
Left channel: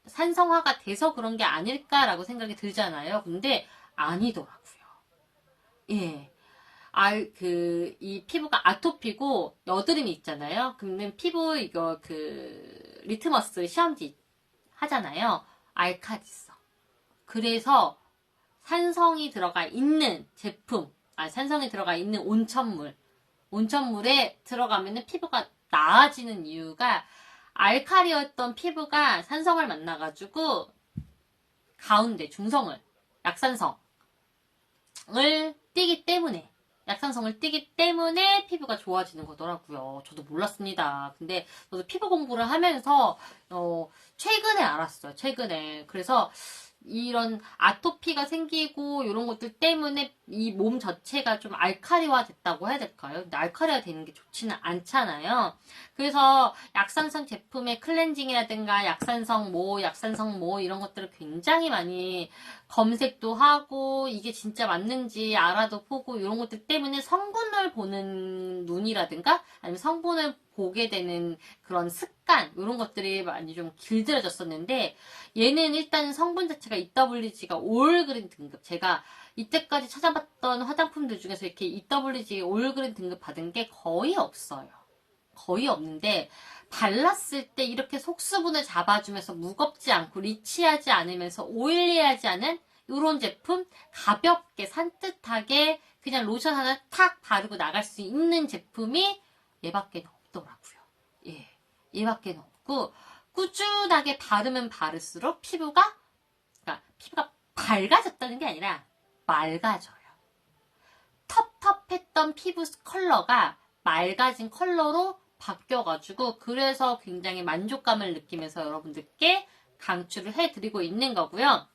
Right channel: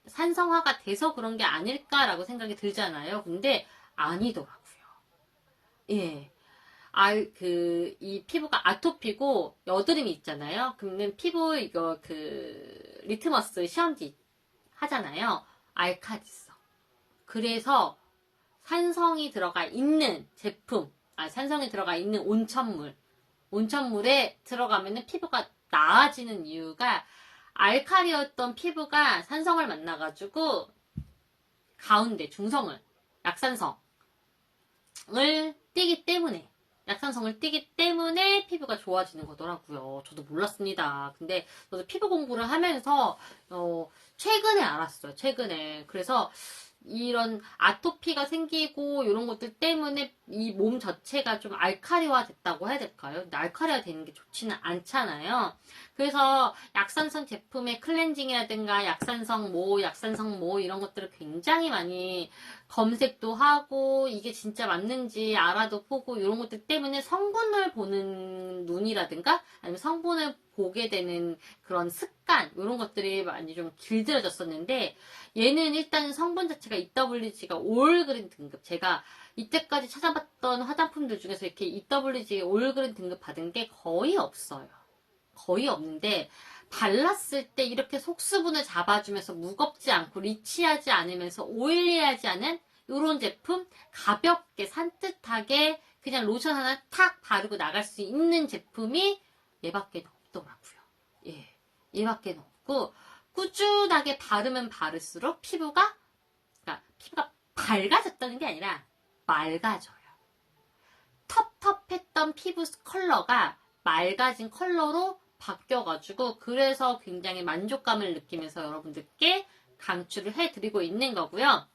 산성화가 돼서 그런 게 아닐까라고 생각이 들잖아요. 근데 아니더라고요. 예. 이 피부가 아토피고 여드름이 있잖아요. 그러면 피부 이거 리트머스 시험지 하잖아요. 알칼리성. 그래서 산성이 들어가 있는 제품, 산성이 들어가 있는 온천물에 들어가면 피부가 나아지는 이유가 알칼리였던 피부가 산성을 만나가지고 가운데 중성을, 약산성을 띠기 때문에, 약산성을 띠기 때문에 피부가 좋아지는 거더라고요. 저도 몰랐습니다. 근데 저도 피부 공부를 하면서 최근에 알았어요. 최근에. 그래서 이런 아토피가 생기고 이런 것들 때문에 이 몸 자체가 좀 알칼리화 됐다고 해야 될까요? 근데 알칼리화 되는 게 좋지는 않잖아요. 그래서 약산성 제품의 클렌징이라든가 약산성 뭐 이런 것들을 굉장히 많이 검색도 하고 이게 진짜 맞는지 알아도 보고 이런 것들 때문에 성분을 보는 눈이라든가 아니면 성분을 보게 되는 그런 습관 이런 것들이 많이 좀 길들여졌었는데 얘는 일단 성분 자체가 EWG가 올그린 등급. 제가 이때까지 찾아봤던 화장품들 중에서 이렇게 EWG 올그린 등급 받은 게 거의 없어요. 거의 없는데 발랐을 때 이렇게 속수분을 잡아주면서 무겁지 않고 리치하지 않으면서 오일리하지 않은 이런 제품, 가볍게 산뜻하게 그냥 로션 하나 탁 바르고 나갈 수 있는 제품이 얘밖에 없더라고요. 예, 얘밖에 없고 꾸준하게 바르면 바를수록 피부가 밝아졌다는 게 아니라 맑아져요. 텁텁했던 피부 컬러가 맑아진 컬러로 바뀌어가지고 그래서 굉장히 만족감을 느끼면서 여러분들께 강추를 해드리고 있는 거고요.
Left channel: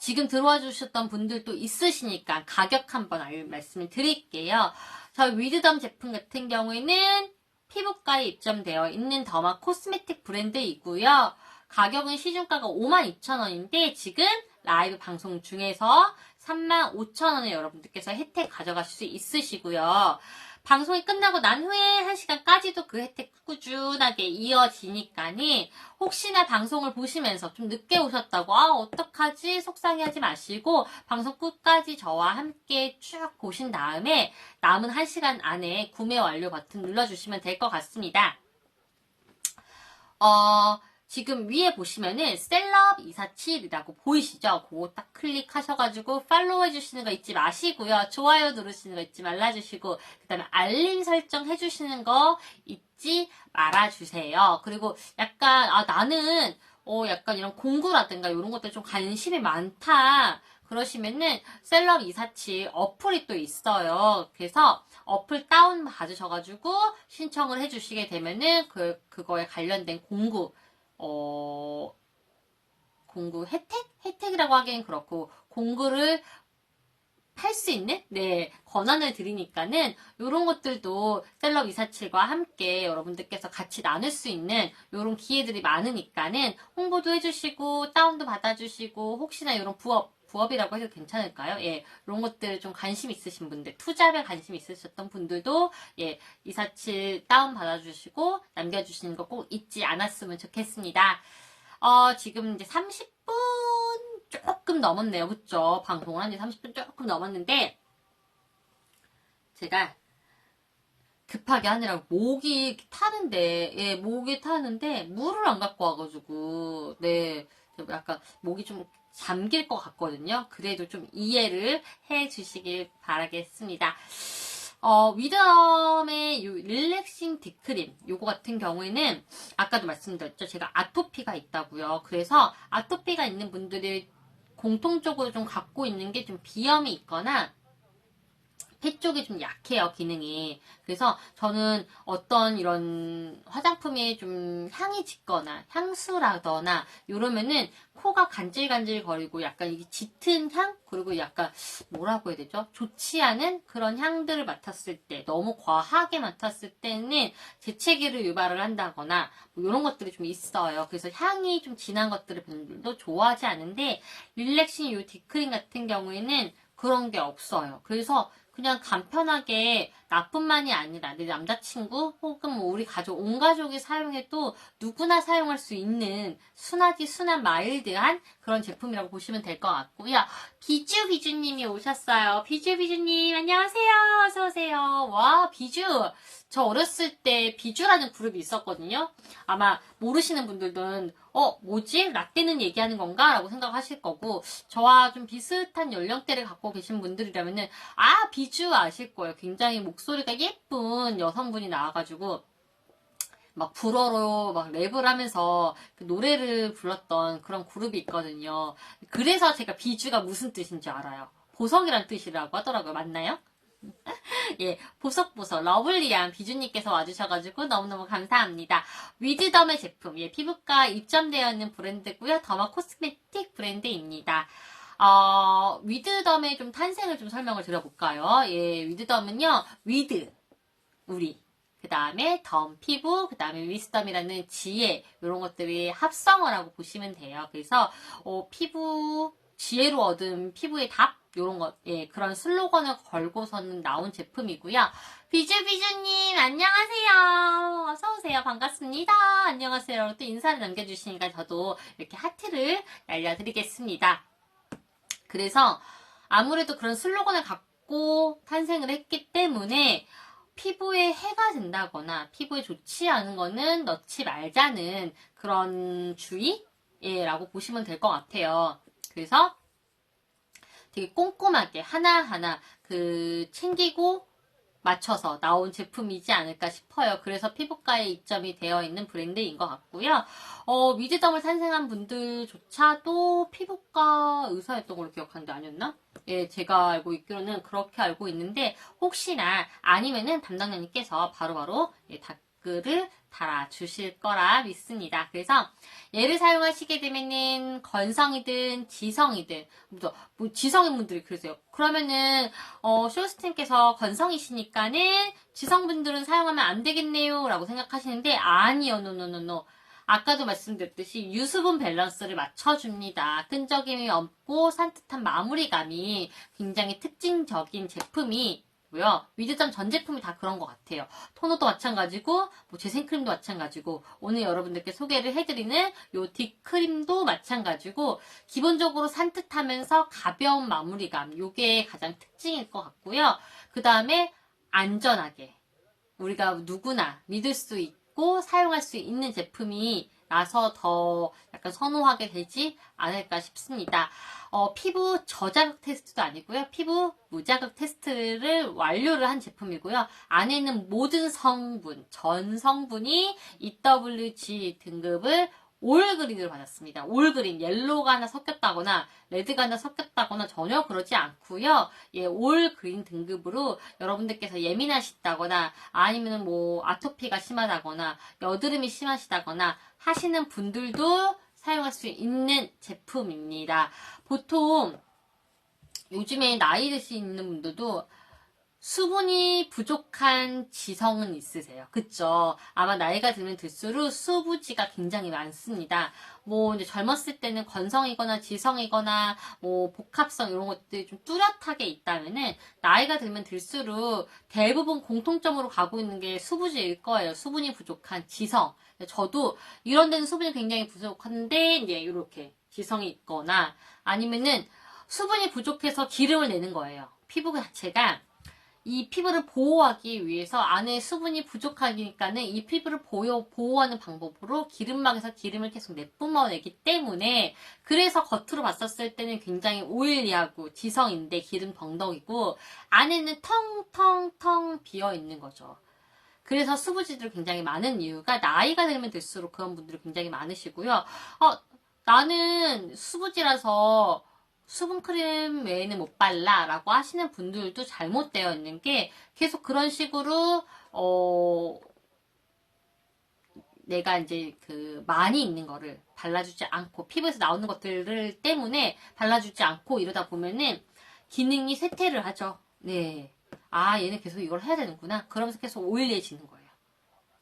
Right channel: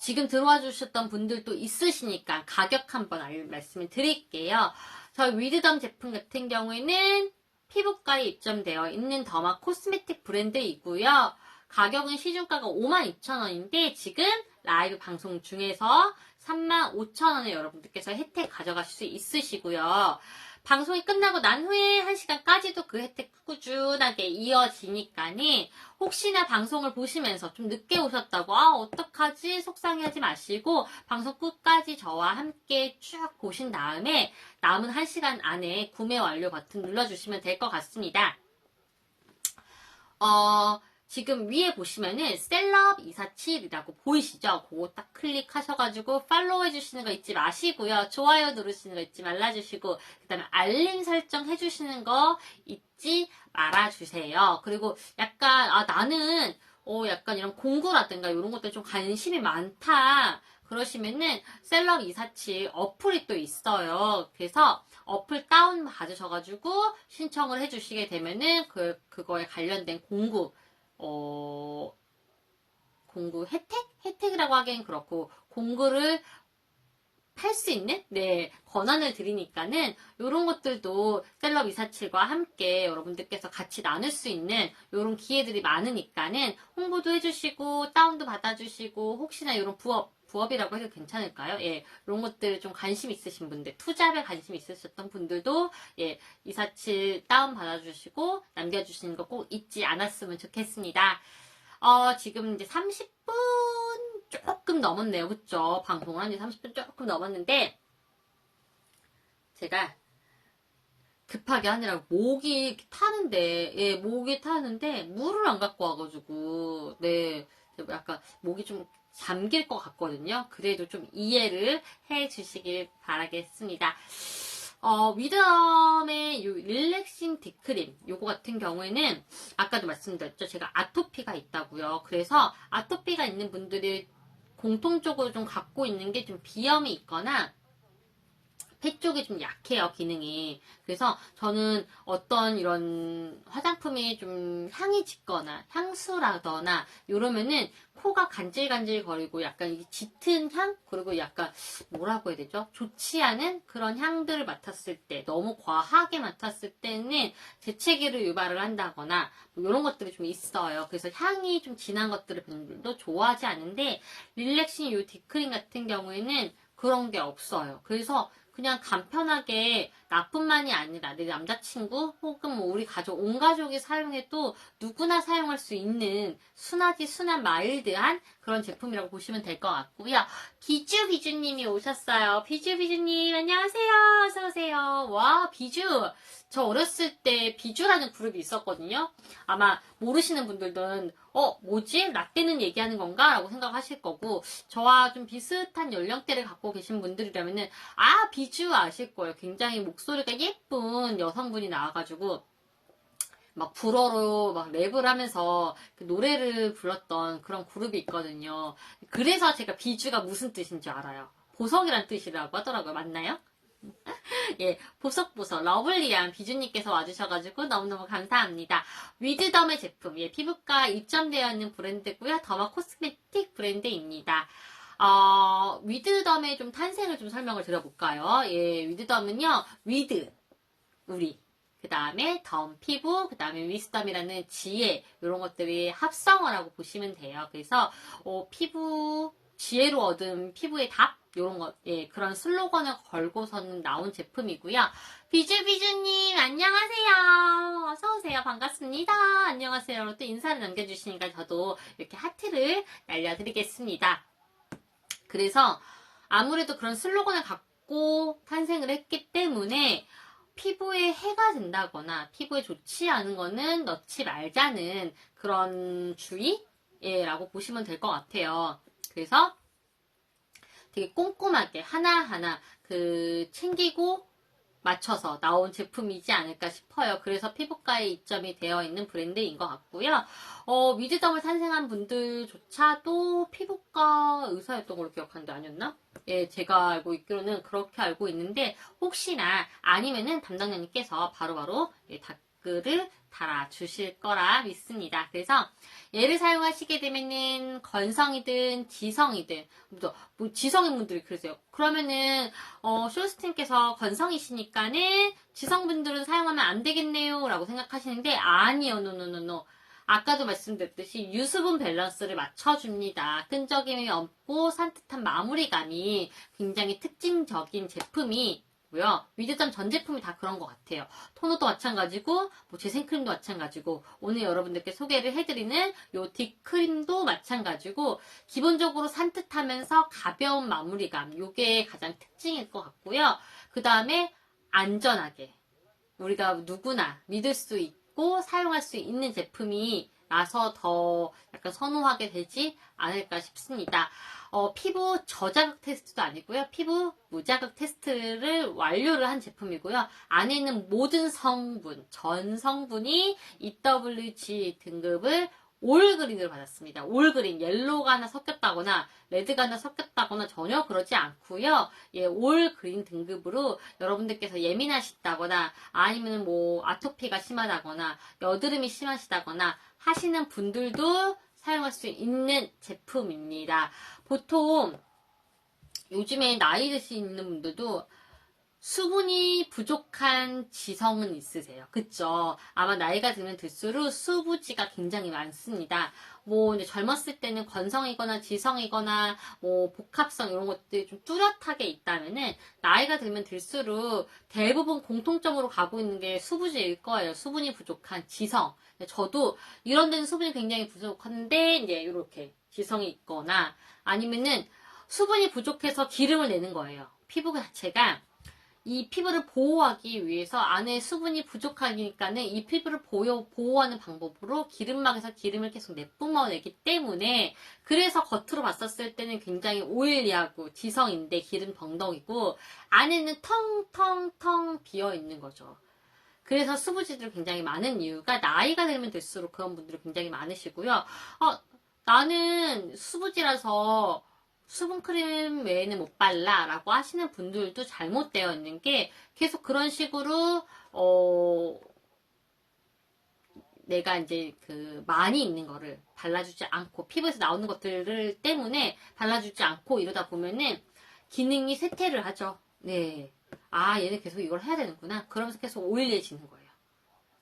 지금 들어와 주셨던 분들도 있으시니까 가격 한번 말씀을 드릴게요. 저희 위드덤 제품 같은 경우에는 피부과에 입점되어 있는 더마 코스메틱 브랜드이고요. 가격은 시중가가 52,000원인데 지금 라이브 방송 중에서 35,000원에 여러분들께서 혜택 가져가실 수 있으시고요. 방송이 끝나고 난 후에 1시간까지도 그 혜택 꾸준하게 이어지니까니 혹시나 방송을 보시면서 좀 늦게 오셨다고 어떡하지 속상해하지 마시고 방송 끝까지 저와 함께 쭉 보신 다음에 남은 1시간 안에 구매 완료 버튼 눌러주시면 될 것 같습니다. 지금 위에 보시면은 셀럽 247이라고 보이시죠? 그거 딱 클릭하셔가지고 팔로우 해주시는 거 잊지 마시고요. 좋아요 누르시는 거 잊지 말아주시고 그 다음에 알림 설정 해주시는 거 잊지 말아주세요. 그리고 약간 나는 약간 이런 공구라든가 이런 것들 좀 관심이 많다 그러시면은 셀럽 247 어플이 또 있어요. 그래서 어플 다운 받으셔가지고 신청을 해주시게 되면은 그거에 관련된 공구 혜택이라고 하기엔 그렇고, 공구를 팔 수 있는, 권한을 드리니까는, 요런 것들도 셀럽 247과 함께 여러분들께서 같이 나눌 수 있는 요런 기회들이 많으니까는, 홍보도 해주시고, 다운도 받아주시고, 혹시나 요런 부업이라고 해도 괜찮을까요? 예, 이런 것들 좀 관심 있으신 분들, 투자에 관심 있으셨던 분들도, 247 다운 받아주시고, 남겨주시는 거 꼭 잊지 않았으면 좋겠습니다. 지금 이제 30분 조금 넘었네요. 그쵸? 방송을 한 지 30분 조금 넘었는데, 제가 급하게 하느라고 목이 타는데, 물을 안 갖고 와가지고, 약간 목이 좀 잠길 것 같거든요. 그래도 좀 이해를 해 주시길 바라겠습니다. 위덤의 릴렉싱 딥크림 요거 같은 경우에는 아까도 말씀드렸죠. 제가 아토피가 있다고요. 그래서 아토피가 있는 분들이 공통적으로 좀 갖고 있는 게 좀 비염이 있거나 폐 쪽이 좀 약해요, 기능이. 그래서 저는 어떤 이런 화장품이 좀 향이 짙거나 향수라거나 이러면은 코가 간질간질 거리고 약간 이 짙은 향? 그리고 약간 뭐라고 해야 되죠? 좋지 않은 그런 향들을 맡았을 때, 너무 과하게 맡았을 때는 재채기를 유발을 한다거나 뭐 이런 것들이 좀 있어요. 그래서 향이 좀 진한 것들을 별로 좋아하지 않는데 릴렉싱 요 딥크림 같은 경우에는 그런 게 없어요. 그래서 그냥 간편하게 나뿐만이 아니라 내 남자친구 혹은 뭐 우리 가족, 온 가족이 사용해도 누구나 사용할 수 있는 순한 마일드한 그런 제품이라고 보시면 될 것 같고요. 비주비주님이 오셨어요. 비주비주님 안녕하세요. 어서오세요. 와, 비주. 저 어렸을 때 비주라는 그룹이 있었거든요. 아마 모르시는 분들은 뭐지? 라떼는 얘기하는 건가? 라고 생각하실 거고, 저와 좀 비슷한 연령대를 갖고 계신 분들이라면은 비주 아실 거예요. 굉장히 목소리가 예쁜 여성분이 나와가지고 막 불어로 막 랩을 하면서 그 노래를 불렀던 그런 그룹이 있거든요. 그래서 제가 비주가 무슨 뜻인지 알아요. 보석이란 뜻이라고 하더라고요. 맞나요? 예, 보석보석 러블리한 비주님께서 와주셔가지고 너무너무 감사합니다. 위즈덤의 제품, 예, 피부과 입점되어 있는 브랜드고요. 더마 코스메틱 브랜드입니다. 위드덤의 좀 탄생을 좀 설명을 드려볼까요? 예, 위드덤은요, 위드, 우리. 그 다음에 덤, 피부, 그 다음에 위스덤이라는 지혜, 이런 것들이 합성어 라고 보시면 돼요. 그래서, 피부, 지혜로 얻은 피부의 답, 이런 것, 예, 그런 슬로건을 걸고서는 나온 제품이고요. 비주비주님, 안녕하세요. 어서오세요. 반갑습니다. 안녕하세요. 또 인사를 남겨주시니까 저도 이렇게 하트를 날려드리겠습니다. 그래서 아무래도 그런 슬로건을 갖고 탄생을 했기 때문에 피부에 해가 된다거나 피부에 좋지 않은 거는 넣지 말자는 그런 주의라고 보시면 될 것 같아요. 그래서 되게 꼼꼼하게 하나하나 챙기고 맞춰서 나온 제품이지 않을까 싶어요. 그래서 피부과에 입점이 되어 있는 브랜드인 것 같고요. 위즈덤을 탄생한 분들조차도 피부과 의사였던 걸로 기억하는데 아니었나? 예, 제가 알고 있기로는 그렇게 알고 있는데 혹시나 아니면은 담당자님께서 바로바로 댓글을 달아주실 거라 믿습니다. 그래서 얘를 사용하시게 되면은 건성이든 지성이든 뭐 지성인 분들이 그러세요. 그러면은 쇼스팀께서 건성이시니까는 지성분들은 사용하면 안 되겠네요 라고 생각하시는데 아니요. 노노노노. 아까도 말씀드렸듯이 유수분 밸런스를 맞춰줍니다. 끈적임이 없고 산뜻한 마무리감이 굉장히 특징적인 제품이고요. 위즈덤 전 제품이 다 그런 것 같아요. 토너도 마찬가지고 뭐 재생크림도 마찬가지고 오늘 여러분들께 소개를 해드리는 요 딥크림도 마찬가지고 기본적으로 산뜻하면서 가벼운 마무리감 요게 가장 특징일 것 같고요. 그 다음에 안전하게 우리가 누구나 믿을 수 있고 사용할 수 있는 제품이 나서 더 약간 선호하게 되지 않을까 싶습니다. 피부 저자극 테스트도 아니고요. 피부 무자극 테스트를 완료를 한 제품이고요. 안에 있는 모든 성분, 전 성분이 EWG 등급을 올그린을 받았습니다. 올그린, 옐로우가 하나 섞였다거나 레드가 하나 섞였다거나 전혀 그러지 않고요. 예, 올그린 등급으로 여러분들께서 예민하시다거나 아니면 뭐 아토피가 심하다거나 여드름이 심하시다거나 하시는 분들도 사용할 수 있는 제품입니다. 보통 요즘에 나이 드시는 분들도 수분이 부족한 지성은 있으세요. 그쵸? 아마 나이가 들면 들수록 수부지가 굉장히 많습니다. 뭐 이제 젊었을 때는 건성이거나 지성이거나 뭐 복합성 이런 것들이 좀 뚜렷하게 있다면은 나이가 들면 들수록 대부분 공통점으로 가고 있는 게 수부지일 거예요. 수분이 부족한 지성. 저도 이런 데는 수분이 굉장히 부족한데 이제 이렇게 지성이 있거나 아니면은 수분이 부족해서 기름을 내는 거예요. 피부 자체가 이 피부를 보호하기 위해서 안에 수분이 부족하니까는 이 피부를 보호하는 방법으로 기름막에서 기름을 계속 내뿜어내기 때문에 그래서 겉으로 봤었을 때는 굉장히 오일리하고 지성인데 기름 덩덩이고 안에는 텅텅텅 비어있는 거죠. 그래서 수부지들이 굉장히 많은 이유가 나이가 들면 들수록 그런 분들이 굉장히 많으시고요. 나는 수부지라서 수분크림 외에는 못 발라 라고 하시는 분들도 잘못되어 있는 게 계속 그런 식으로 내가 이제 많이 있는 거를 발라주지 않고 피부에서 나오는 것들을 때문에 발라주지 않고 이러다 보면은 기능이 쇠퇴를 하죠. 네. 아, 얘는 계속 이걸 해야 되는구나. 그러면서 계속 오일해지는 거예요.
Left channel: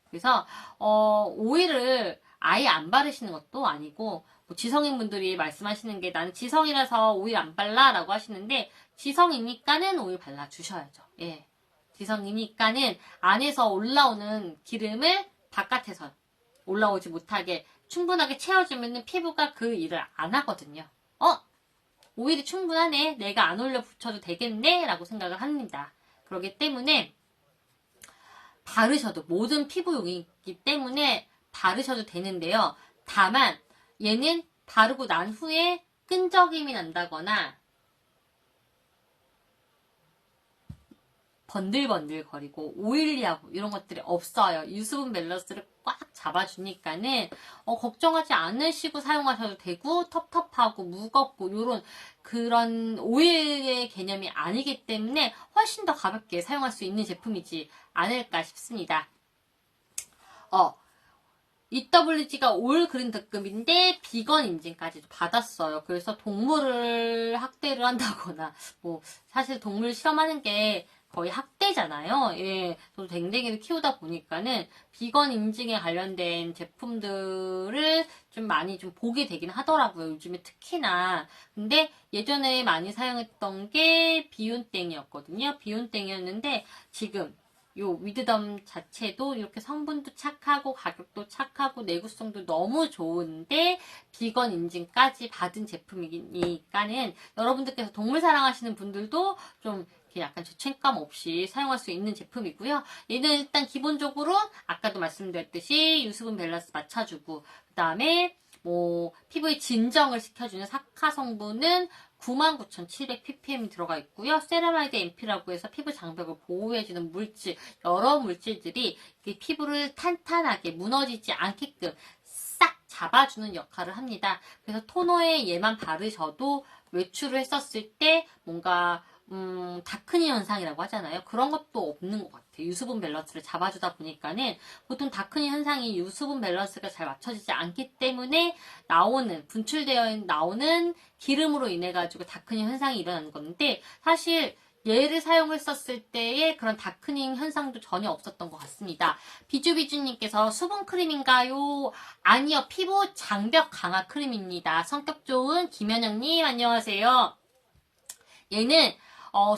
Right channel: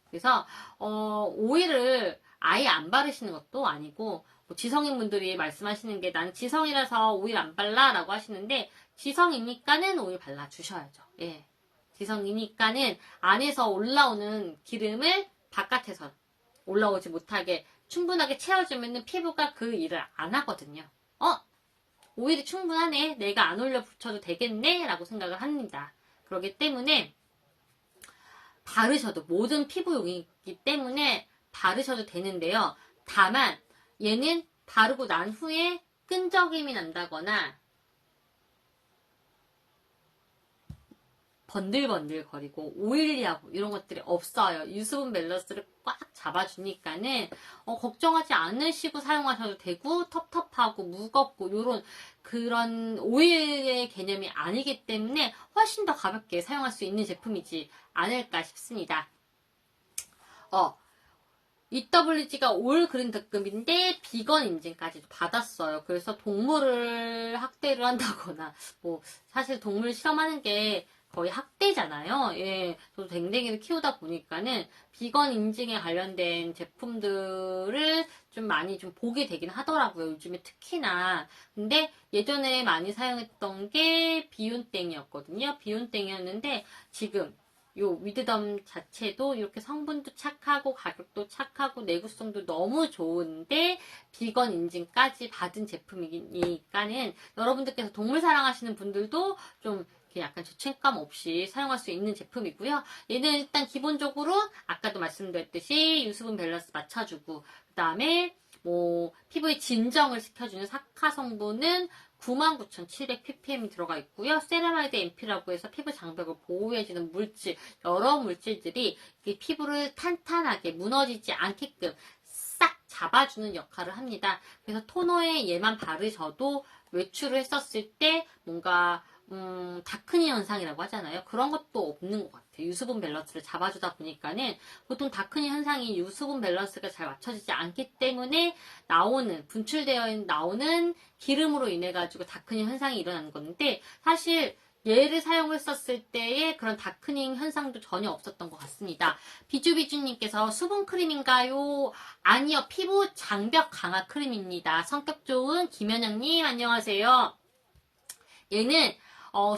그래서 오일을 아예 안 바르시는 것도 아니고 뭐 지성인 분들이 말씀하시는 게 난 지성이라서 오일 안 발라 라고 하시는데 지성이니까는 오일 발라주셔야죠. 예. 지성이니까는 안에서 올라오는 기름을 바깥에서 올라오지 못하게 충분하게 채워주면 피부가 그 일을 안 하거든요. 오일이 충분하네. 내가 안 올려 붙여도 되겠네. 라고 생각을 합니다. 그렇기 때문에 바르셔도 모든 피부용이기 때문에 바르셔도 되는데요. 다만 얘는 바르고 난 후에 끈적임이 난다거나 번들번들거리고 오일리하고 이런 것들이 없어요. 유수분 밸런스를 꽉 잡아주니까는 걱정하지 않으시고 사용하셔도 되고 텁텁하고 무겁고 그런 오일의 개념이 아니기 때문에 훨씬 더 가볍게 사용할 수 있는 제품이지 않을까 싶습니다. EWG가 올 그린 특급인데 비건 인증까지도 받았어요. 그래서 동물을 학대를 한다거나 뭐 사실 동물 실험하는 게 거의 학대잖아요. 예, 또 댕댕이를 키우다 보니까는 비건 인증에 관련된 제품들을 좀 많이 좀 보게 되긴 하더라고요. 요즘에 특히나. 근데 예전에 많이 사용했던 게 비온땡이었거든요. 비온땡이었는데 지금 요 위드덤 자체도 이렇게 성분도 착하고 가격도 착하고 내구성도 너무 좋은데 비건 인증까지 받은 제품이니까는 여러분들께서 동물 사랑하시는 분들도 좀 약간 죄책감 없이 사용할 수 있는 제품이고요. 얘는 일단 기본적으로 아까도 말씀드렸듯이 유수분 밸런스 맞춰주고 그 다음에 뭐 피부의 진정을 시켜주는 사카 성분은 99,700ppm 들어가 있고요. 세라마이드 MP라고 해서 피부 장벽을 보호해주는 물질, 여러 물질들이 피부를 탄탄하게 무너지지 않게끔 싹 잡아주는 역할을 합니다. 그래서 토너에 얘만 바르셔도 외출을 했었을 때 뭔가 다크니 현상이라고 하잖아요. 그런 것도 없는 것 같아요. 유수분 밸런스를 잡아주다 보니까는 보통 다크니 현상이 유수분 밸런스가 잘 맞춰지지 않기 때문에 분출되어 나오는 기름으로 인해 가지고 다크닝 현상이 일어나는 건데 사실 얘를 사용했었을 때의 그런 다크닝 현상도 전혀 없었던 것 같습니다. 비주비주님께서 수분크림인가요? 아니요. 피부 장벽 강화 크림입니다. 성격 좋은 김현영님 안녕하세요. 얘는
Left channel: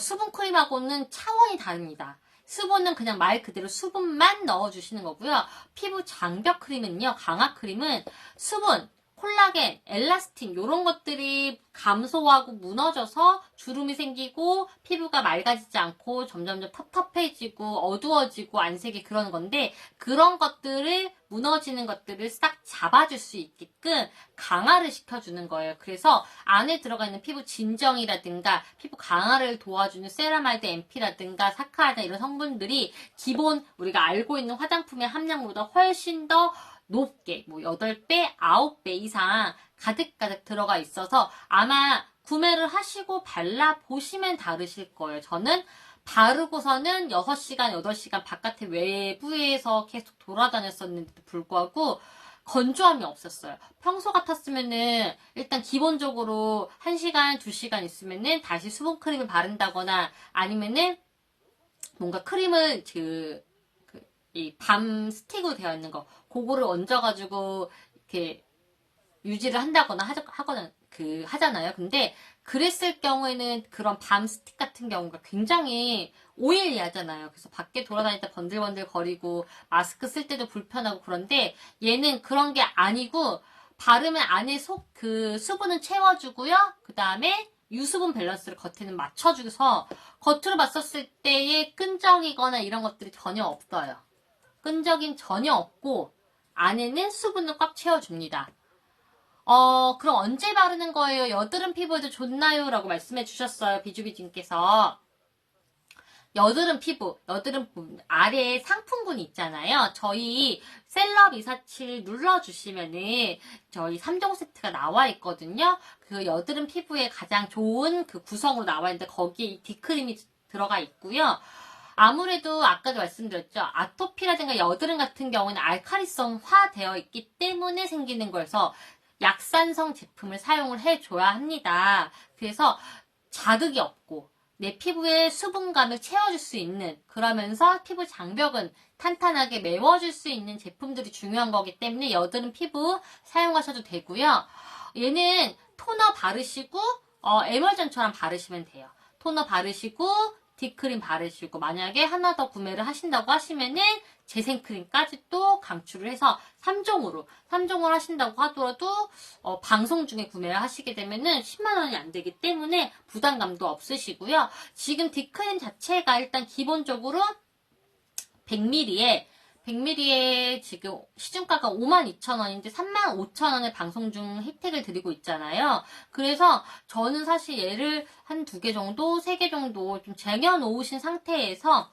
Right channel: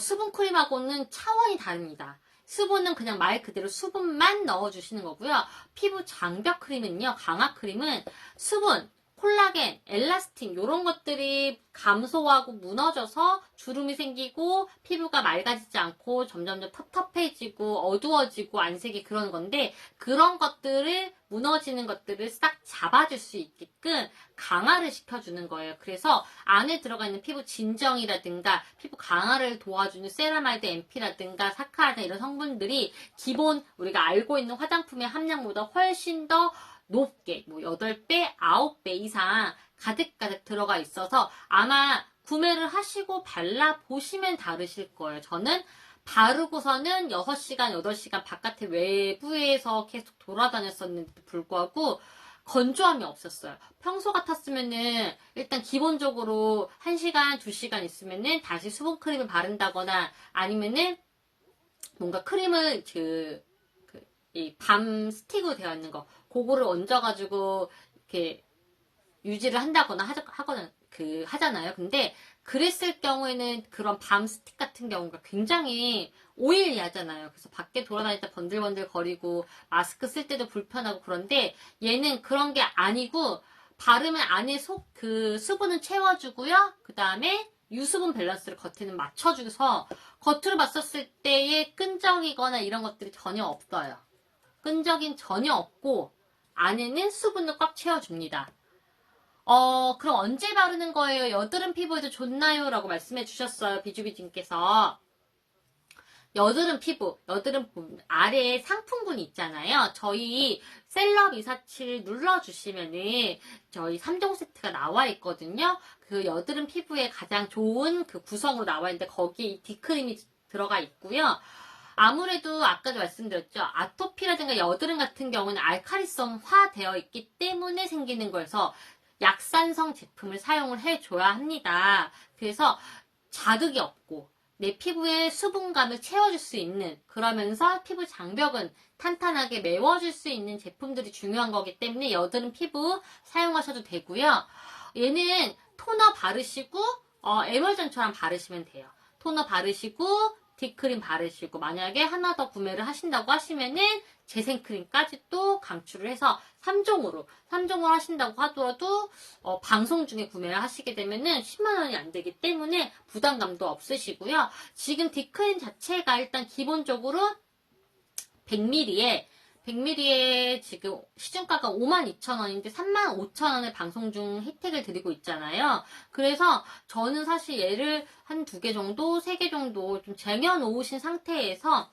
수분크림하고는 차원이 다릅니다. 수분은 그냥 말 그대로 수분만 넣어주시는 거고요. 피부 장벽 크림은요, 강화 크림은 수분, 콜라겐, 엘라스틴 이런 것들이 감소하고 무너져서 주름이 생기고 피부가 맑아지지 않고 점점점 텁텁해지고 어두워지고 안색이 그런 건데 그런 것들을 무너지는 것들을 싹 잡아줄 수 있게끔 강화를 시켜주는 거예요. 그래서 안에 들어가 있는 피부 진정이라든가 피부 강화를 도와주는 세라마이드 MP라든가 사카라든가 이런 성분들이 기본 우리가 알고 있는 화장품의 함량보다 훨씬 더 높게 8배, 9배 이상 가득가득 들어가 있어서 아마 구매를 하시고 발라보시면 다르실 거예요. 저는 바르고서는 6시간, 8시간 바깥에 외부에서 계속 돌아다녔었는데도 불구하고 건조함이 없었어요. 평소 같았으면은 일단 기본적으로 1시간, 2시간 있으면은 다시 수분크림을 바른다거나 아니면은 뭔가 크림을 이 밤 스틱으로 되어 있는 거 그거를 얹어가지고 이렇게 유지를 한다거나 하잖아요. 근데 그랬을 경우에는 그런 밤 스틱 같은 경우가 굉장히 오일리하잖아요. 그래서 밖에 돌아다닐 때 번들번들 거리고 마스크 쓸 때도 불편하고 그런데 얘는 그런 게 아니고 바르면 안에 수분은 채워주고요. 그 다음에 유수분 밸런스를 겉에는 맞춰줘서 겉으로 봤었을 때의 끈적이거나 이런 것들이 전혀 없어요. 끈적임 전혀 없고 안에는 수분을 꽉 채워줍니다. 그럼 언제 바르는 거예요? 여드름 피부에도 좋나요? 라고 말씀해 주셨어요. 비주비님께서. 여드름 피부, 여드름 아래에 상품군이 있잖아요. 저희 셀럽247 눌러주시면은 저희 3종 세트가 나와 있거든요. 그 여드름 피부에 가장 좋은 그 구성으로 나와 있는데 거기에 이 D크림이 들어가 있고요. 아무래도 아까도 말씀드렸죠. 아토피라든가 여드름 같은 경우는 알칼리성화 되어 있기 때문에 생기는 거여서 약산성 제품을 사용을 해줘야 합니다. 그래서 자극이 없고 내 피부에 수분감을 채워줄 수 있는, 그러면서 피부 장벽은 탄탄하게 메워줄 수 있는 제품들이 중요한 거기 때문에 여드름 피부 사용하셔도 되고요. 얘는 토너 바르시고 에멀전처럼 바르시면 돼요. 토너 바르시고 D크림 바르시고, 만약에 하나 더 구매를 하신다고 하시면은 재생크림까지 또 강추를 해서 3종으로 하신다고 하더라도 방송 중에 구매를 하시게 되면은 10만원이 안 되기 때문에 부담감도 없으시고요. 지금 D크림 자체가 일단 기본적으로 100ml에 지금 시중가가 52,000원인데 35,000원에 방송 중 혜택을 드리고 있잖아요. 그래서 저는 사실 얘를 한 2개 정도, 3개 정도 좀 쟁여놓으신 상태에서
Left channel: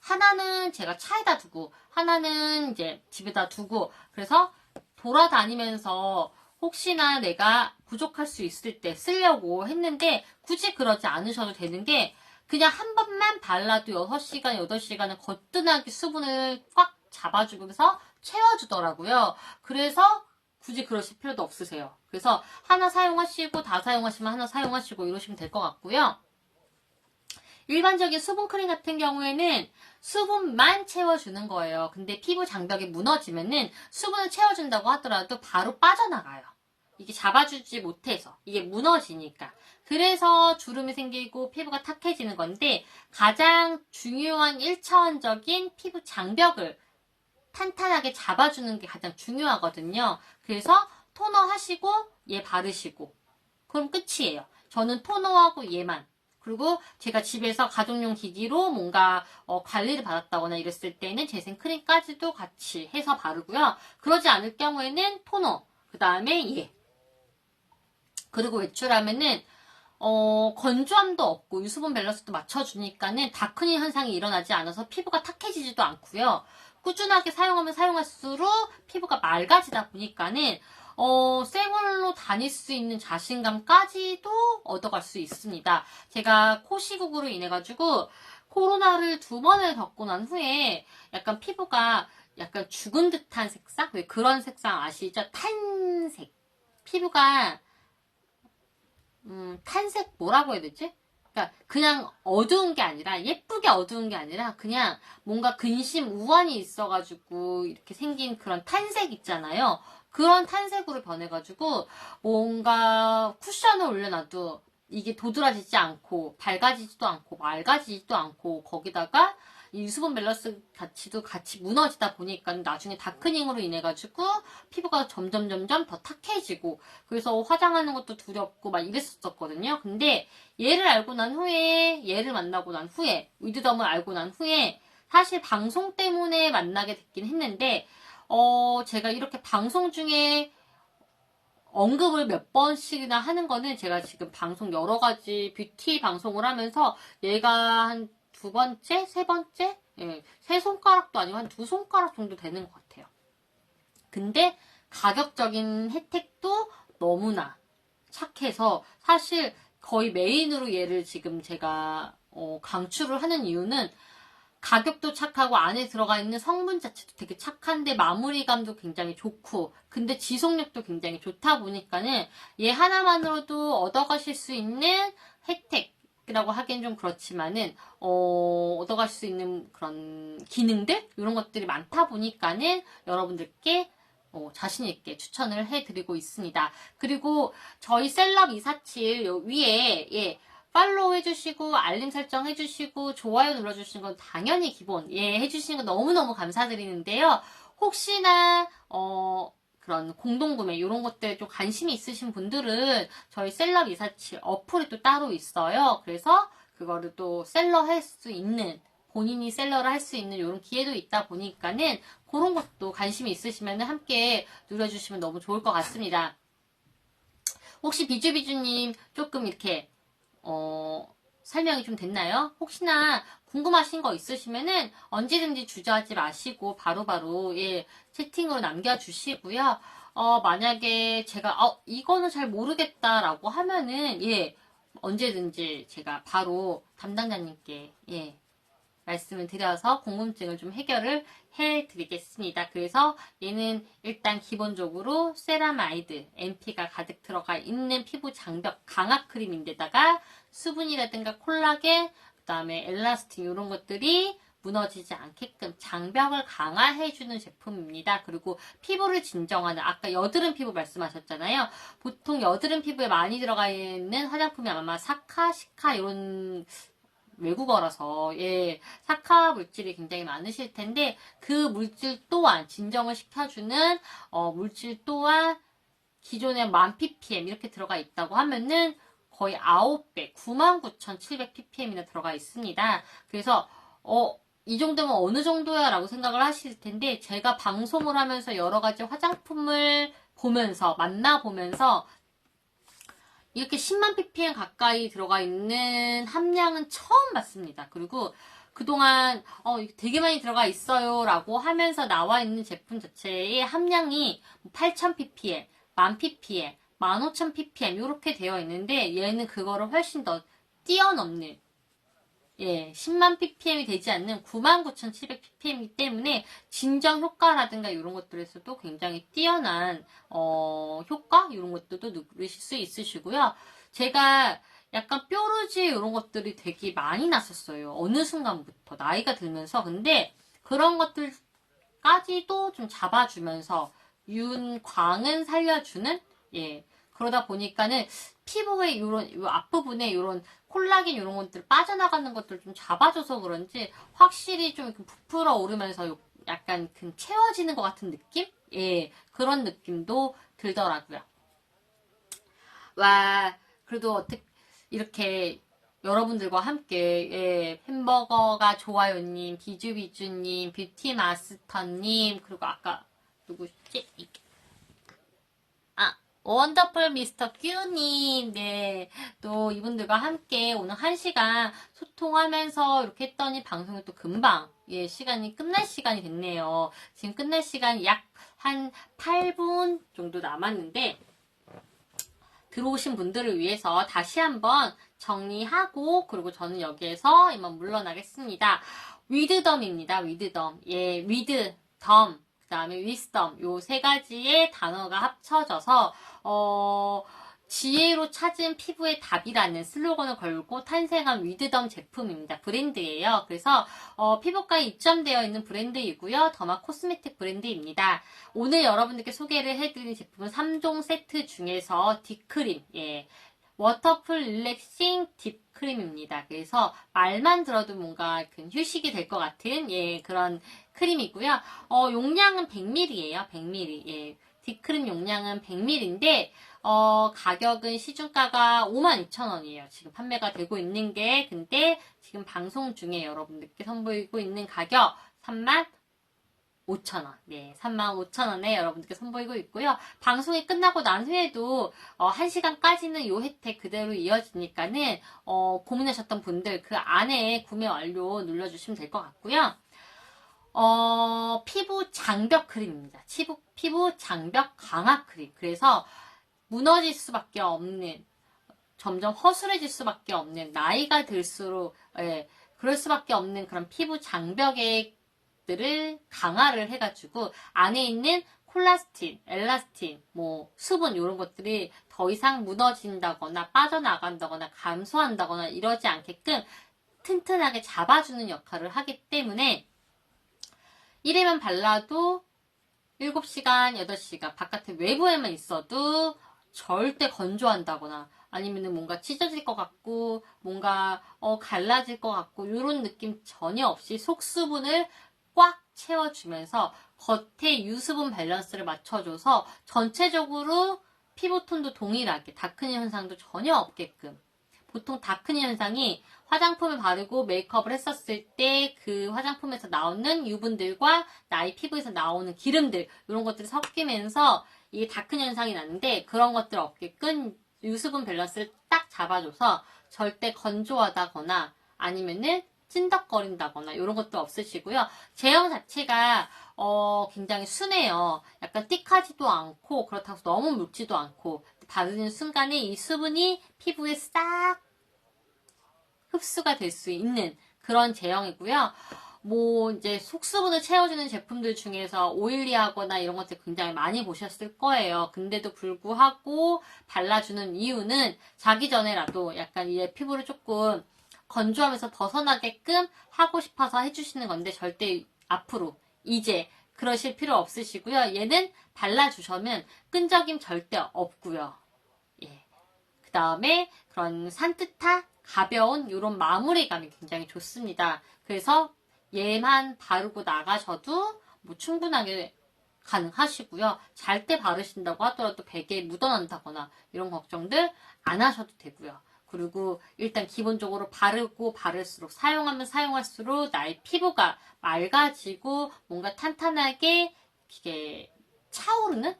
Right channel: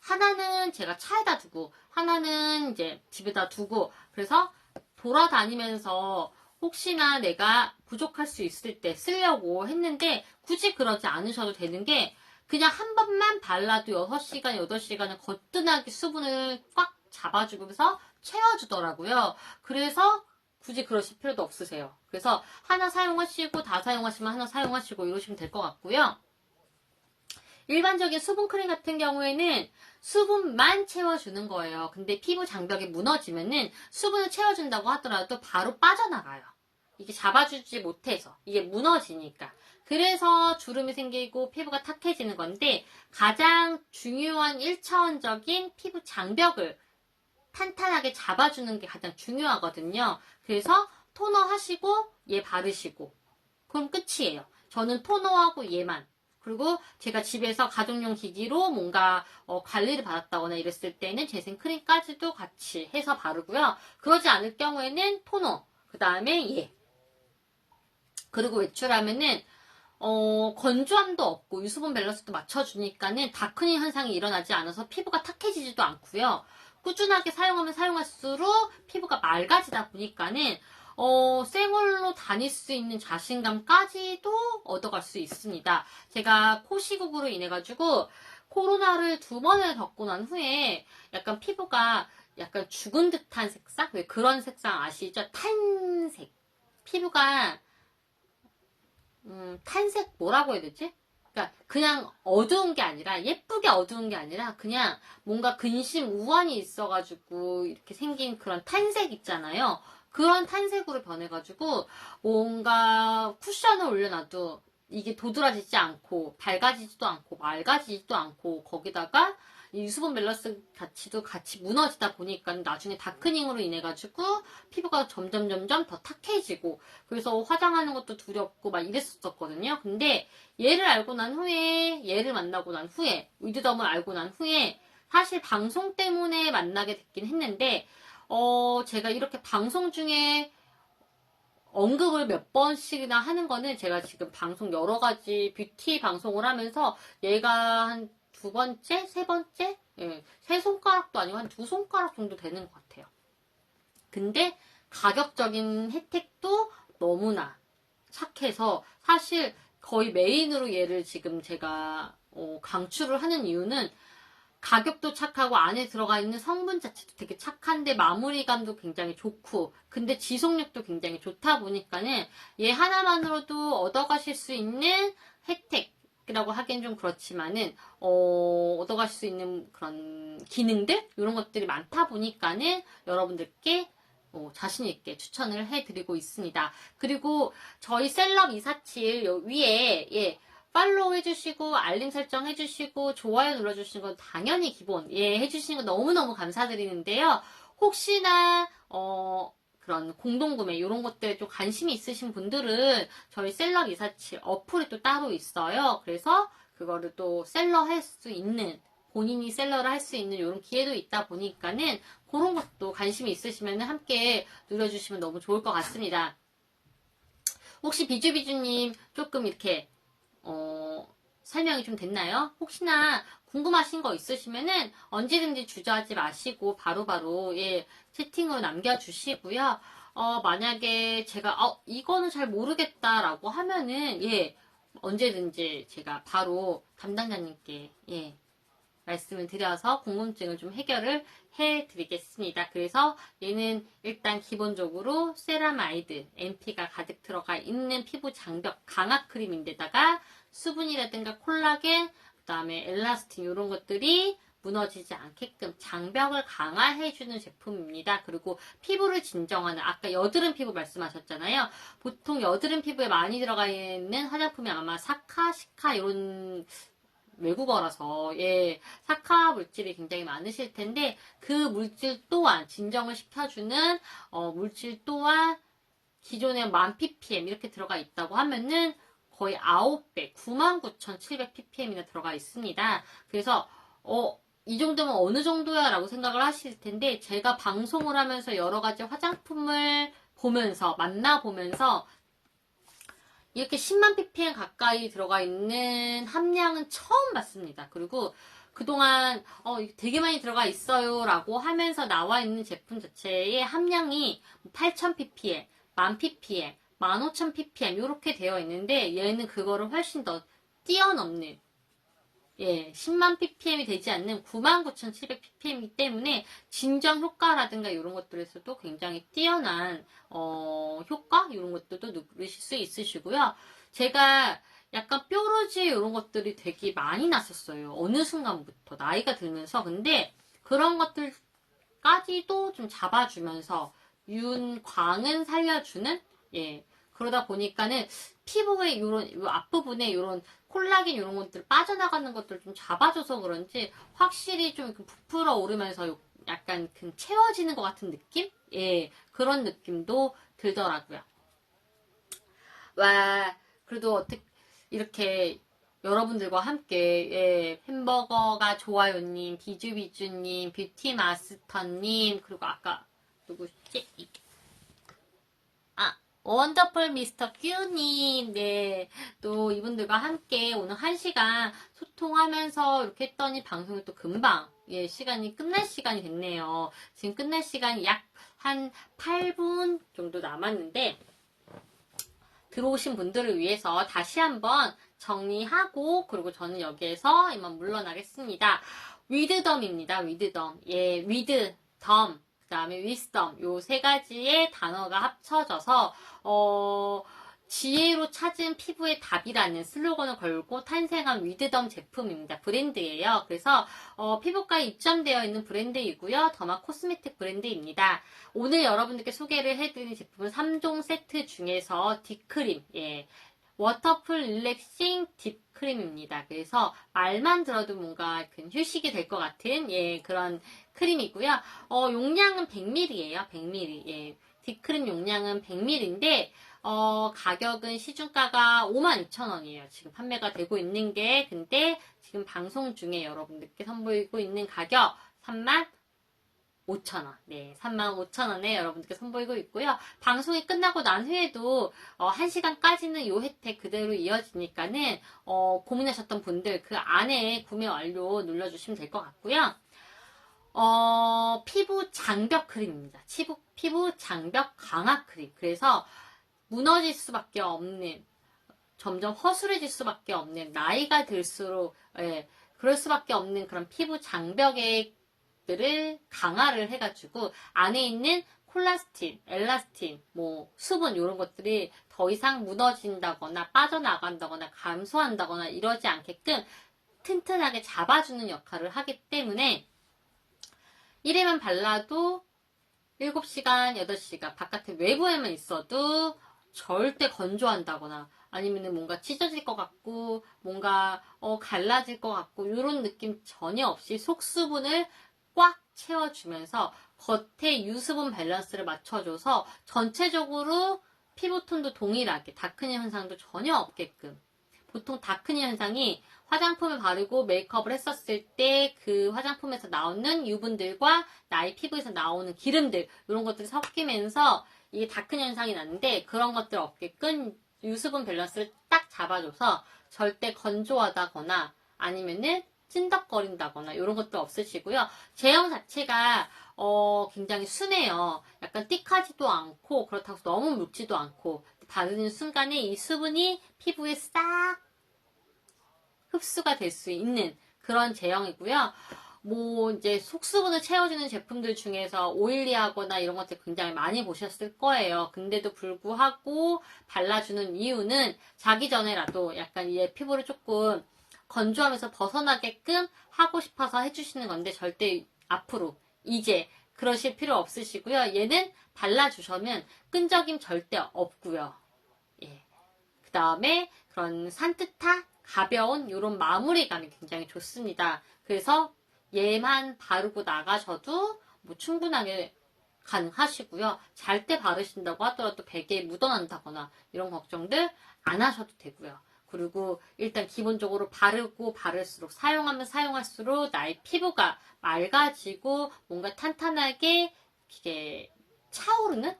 하나는 제가 차에다 두고 하나는 이제 집에다 두고, 그래서 돌아다니면서 혹시나 내가 부족할 수 있을 때 쓰려고 했는데 굳이 그러지 않으셔도 되는 게, 그냥 한 번만 발라도 6시간, 8시간은 거뜬하게 수분을 꽉 잡아주면서 채워주더라고요. 그래서 굳이 그러실 필요도 없으세요. 그래서 하나 사용하시고 다 사용하시면 하나 사용하시고 이러시면 될 것 같고요. 일반적인 수분크림 같은 경우에는 수분만 채워주는 거예요. 근데 피부 장벽이 무너지면은 수분을 채워준다고 하더라도 바로 빠져나가요. 이게 잡아주지 못해서, 이게 무너지니까. 그래서 주름이 생기고 피부가 탁해지는 건데, 가장 중요한 1차원적인 피부 장벽을 탄탄하게 잡아주는 게 가장 중요하거든요. 그래서 토너 하시고 얘 바르시고 그럼 끝이에요. 저는 토너하고 얘만. 그리고 제가 집에서 가정용 기기로 뭔가 관리를 받았다거나 이랬을 때는 재생크림까지도 같이 해서 바르고요. 그러지 않을 경우에는 토너, 그 다음에 얘. 그리고 외출하면은 건조함도 없고 유수분 밸런스도 맞춰주니까는 다크닝 현상이 일어나지 않아서 피부가 탁해지지도 않고요. 꾸준하게 사용하면 사용할수록 피부가 맑아지다 보니까는 생얼로 다닐 수 있는 자신감까지도 얻어갈 수 있습니다. 제가 코 시국으로 인해 가지고 코로나를 2번을 겪고 난 후에 약간 피부가 약간 죽은 듯한 색상? 왜 그런 색상 아시죠? 탄색. 피부가 탄색 뭐라고 해야 되지? 그러니까 그냥 어두운 게 아니라, 예쁘게 어두운 게 아니라 그냥 뭔가 근심 우환이 있어가지고 이렇게 생긴 그런 탄색 있잖아요. 그런 탄색으로 변해가지고 뭔가 쿠션을 올려놔도 이게 도드라지지 않고 밝아지지도 않고 맑아지지도 않고, 거기다가 이 유수분 밸런스 가치도 같이 무너지다 보니까 나중에 다크닝으로 인해 가지고 피부가 점점 더 탁해지고, 그래서 화장하는 것도 두렵고 막 이랬었거든요. 근데 얘를 알고 난 후에, 얘를 만나고 난 후에, 위드덤을 알고 난 후에 사실 방송 때문에 만나게 됐긴 했는데 제가 이렇게 방송 중에 언급을 몇 번씩이나 하는 거는, 제가 지금 방송 여러 가지 뷰티 방송을 하면서 얘가 한 2번째? 3번째? 예, 3손가락도 아니고 한 2손가락 정도 되는 것 같아요. 근데 가격적인 혜택도 너무나 착해서 사실 거의 메인으로 얘를 지금 제가 강추를 하는 이유는, 가격도 착하고 안에 들어가 있는 성분 자체도 되게 착한데 마무리감도 굉장히 좋고, 근데 지속력도 굉장히 좋다 보니까는 얘 하나만으로도 얻어가실 수 있는 혜택이라고 하기엔 좀 그렇지만은 얻어가실 수 있는 그런 기능들, 이런 것들이 많다 보니까는 여러분들께 자신있게 추천을 해드리고 있습니다. 그리고 저희 셀럽247 위에 팔로우 해주시고 알림 설정 해주시고 좋아요 눌러주시는 건 당연히 기본 해주시는 거 너무너무 감사드리는데요. 혹시나 그런 공동구매 이런 것들에 좀 관심이 있으신 분들은 저희 셀럽247 어플이 또 따로 있어요. 그래서 그거를 또 셀러 할 수 있는, 본인이 셀러를 할 수 있는 이런 기회도 있다 보니까는 그런 것도 관심이 있으시면 함께 눌러주시면 너무 좋을 것 같습니다. 혹시 비주비주님 조금 이렇게 설명이 좀 됐나요? 혹시나 궁금하신 거 있으시면은 언제든지 주저하지 마시고 바로바로 예, 채팅으로 남겨주시고요. 만약에 제가 이거는 잘 모르겠다라고 하면은 예, 언제든지 제가 바로 담당자님께 예, 말씀을 드려서 궁금증을 좀 해결을 해드리겠습니다. 그래서 얘는 일단 기본적으로 세라마이드, MP가 가득 들어가 있는 피부 장벽 강화 크림인데다가 수분이라든가 콜라겐, 그 다음에 엘라스틴 이런 것들이 무너지지 않게끔 장벽을 강화해주는 제품입니다. 그리고 피부를 진정하는, 아까 여드름 피부 말씀하셨잖아요. 보통 여드름 피부에 많이 들어가 있는 화장품이 아마 사카, 시카 이런 외국어라서 예, 사카 물질이 굉장히 많으실 텐데 그 물질 또한 진정을 시켜주는 물질 또한 기존에 10,000ppm 이렇게 들어가 있다고 하면은 거의 9배 99,700ppm이나 들어가 있습니다. 그래서 이 정도면 어느 정도야 라고 생각을 하실 텐데 제가 방송을 하면서 여러 가지 화장품을 보면서 만나보면서 이렇게 10만 ppm 가까이 들어가 있는 함량은 처음 봤습니다. 그리고 그동안 되게 많이 들어가 있어요 라고 하면서 나와 있는 제품 자체의 함량이 8,000 ppm, 10,000 ppm, 15,000 ppm 이렇게 되어 있는데 얘는 그거를 훨씬 더 뛰어넘는 예, 10만 ppm이 되지 않는 99,700ppm이기 때문에 진정 효과라든가 이런 것들에서도 굉장히 뛰어난 효과 이런 것들도 누리실 수 있으시고요. 제가 약간 뾰루지 이런 것들이 되게 많이 났었어요. 어느 순간부터 나이가 들면서 근데 그런 것들까지도 좀 잡아주면서 윤광은 살려주는 예 그러다 보니까는 피부의 이런 앞부분에 이런 콜라겐 이런 것들 빠져나가는 것들 좀 잡아줘서 그런지 확실히 좀 부풀어 오르면서 약간 채워지는 것 같은 느낌? 예, 그런 느낌도 들더라고요. 와, 그래도 어떻게 이렇게 여러분들과 함께 예, 햄버거가 좋아요님, 비주비주님, 뷰티마스터님 그리고 아까 누구지? 원더풀 미스터 큐님, 네. 또 이분들과 함께 오늘 1시간 소통하면서 이렇게 했더니 방송이 또 금방, 예, 시간이 끝날 시간이 됐네요. 지금 끝날 시간이 약 한 8분 정도 남았는데, 들어오신 분들을 위해서 다시 한번 정리하고, 그리고 저는 여기에서 이만 물러나겠습니다. 위드덤입니다, 위드덤. 예, 위드덤. 그 다음에 위스덤 요 세 가지의 단어가 합쳐져서 지혜로 찾은 피부의 답이라는 슬로건을 걸고 탄생한 위드덤 제품입니다. 브랜드예요. 그래서 피부과에 입점되어 있는 브랜드이고요. 더마 코스메틱 브랜드입니다. 오늘 여러분들께 소개를 해드리는 제품은 3종 세트 중에서 딥크림, 예, 워터풀 릴렉싱 딥크림입니다. 그래서 말만 들어도 뭔가 휴식이 될 것 같은 예, 그런 크림이고요. 용량은 100ml예요. 100ml. 예. 딥크림 용량은 100ml인데 가격은 시중가가 52,000원이에요. 지금 판매가 되고 있는 게 근데 지금 방송 중에 여러분들께 선보이고 있는 가격 35,000원. 네, 35,000원에 여러분들께 선보이고 있고요. 방송이 끝나고 난 후에도 1시간까지는 이 혜택 그대로 이어지니까는 고민하셨던 분들 그 안에 구매 완료 눌러주시면 될 것 같고요. 피부 장벽 크림입니다. 피부 장벽 강화 크림. 그래서 무너질 수밖에 없는, 점점 허술해질 수밖에 없는, 나이가 들수록, 예, 그럴 수밖에 없는 그런 피부 장벽들을 강화를 해가지고, 안에 있는 콜라스틴, 엘라스틴, 뭐, 수분, 이런 것들이 더 이상 무너진다거나, 빠져나간다거나, 감소한다거나, 이러지 않게끔 튼튼하게 잡아주는 역할을 하기 때문에, 1회만 발라도 7시간, 8시간 바깥에 외부에만 있어도 절대 건조한다거나 아니면 뭔가 찢어질 것 같고 뭔가 갈라질 것 같고 이런 느낌 전혀 없이 속수분을 꽉 채워주면서 겉에 유수분 밸런스를 맞춰줘서 전체적으로 피부톤도 동일하게 다크닝 현상도 전혀 없게끔 보통 다크닝 현상이 화장품을 바르고 메이크업을 했었을 때 그 화장품에서 나오는 유분들과 나의 피부에서 나오는 기름들 이런 것들이 섞이면서 이 다크닝 현상이 나는데 그런 것들 없게끔 유수분 밸런스를 딱 잡아줘서 절대 건조하다거나 아니면은 찐덕거린다거나 이런 것도 없으시고요. 제형 자체가 굉장히 순해요. 약간 띡하지도 않고 그렇다고 해서 너무 묽지도 않고 바르는 순간에 이 수분이 피부에 싹 흡수가 될 수 있는 그런 제형이고요. 뭐 이제 속수분을 채워주는 제품들 중에서 오일리하거나 이런 것들 굉장히 많이 보셨을 거예요. 근데도 불구하고 발라주는 이유는 자기 전에라도 약간 얘 피부를 조금 건조하면서 벗어나게끔 하고 싶어서 해주시는 건데 절대 앞으로 이제 그러실 필요 없으시고요. 얘는 발라주셔면 끈적임 절대 없고요. 예. 그 다음에 그런 산뜻한 가벼운 이런 마무리감이 굉장히 좋습니다. 그래서 얘만 바르고 나가셔도 뭐 충분하게 가능하시고요. 잘 때 바르신다고 하더라도 베개에 묻어난다거나 이런 걱정들 안 하셔도 되고요. 그리고 일단 기본적으로 바르고 바를수록 사용하면 사용할수록 나의 피부가 맑아지고 뭔가 탄탄하게 이게 차오르는?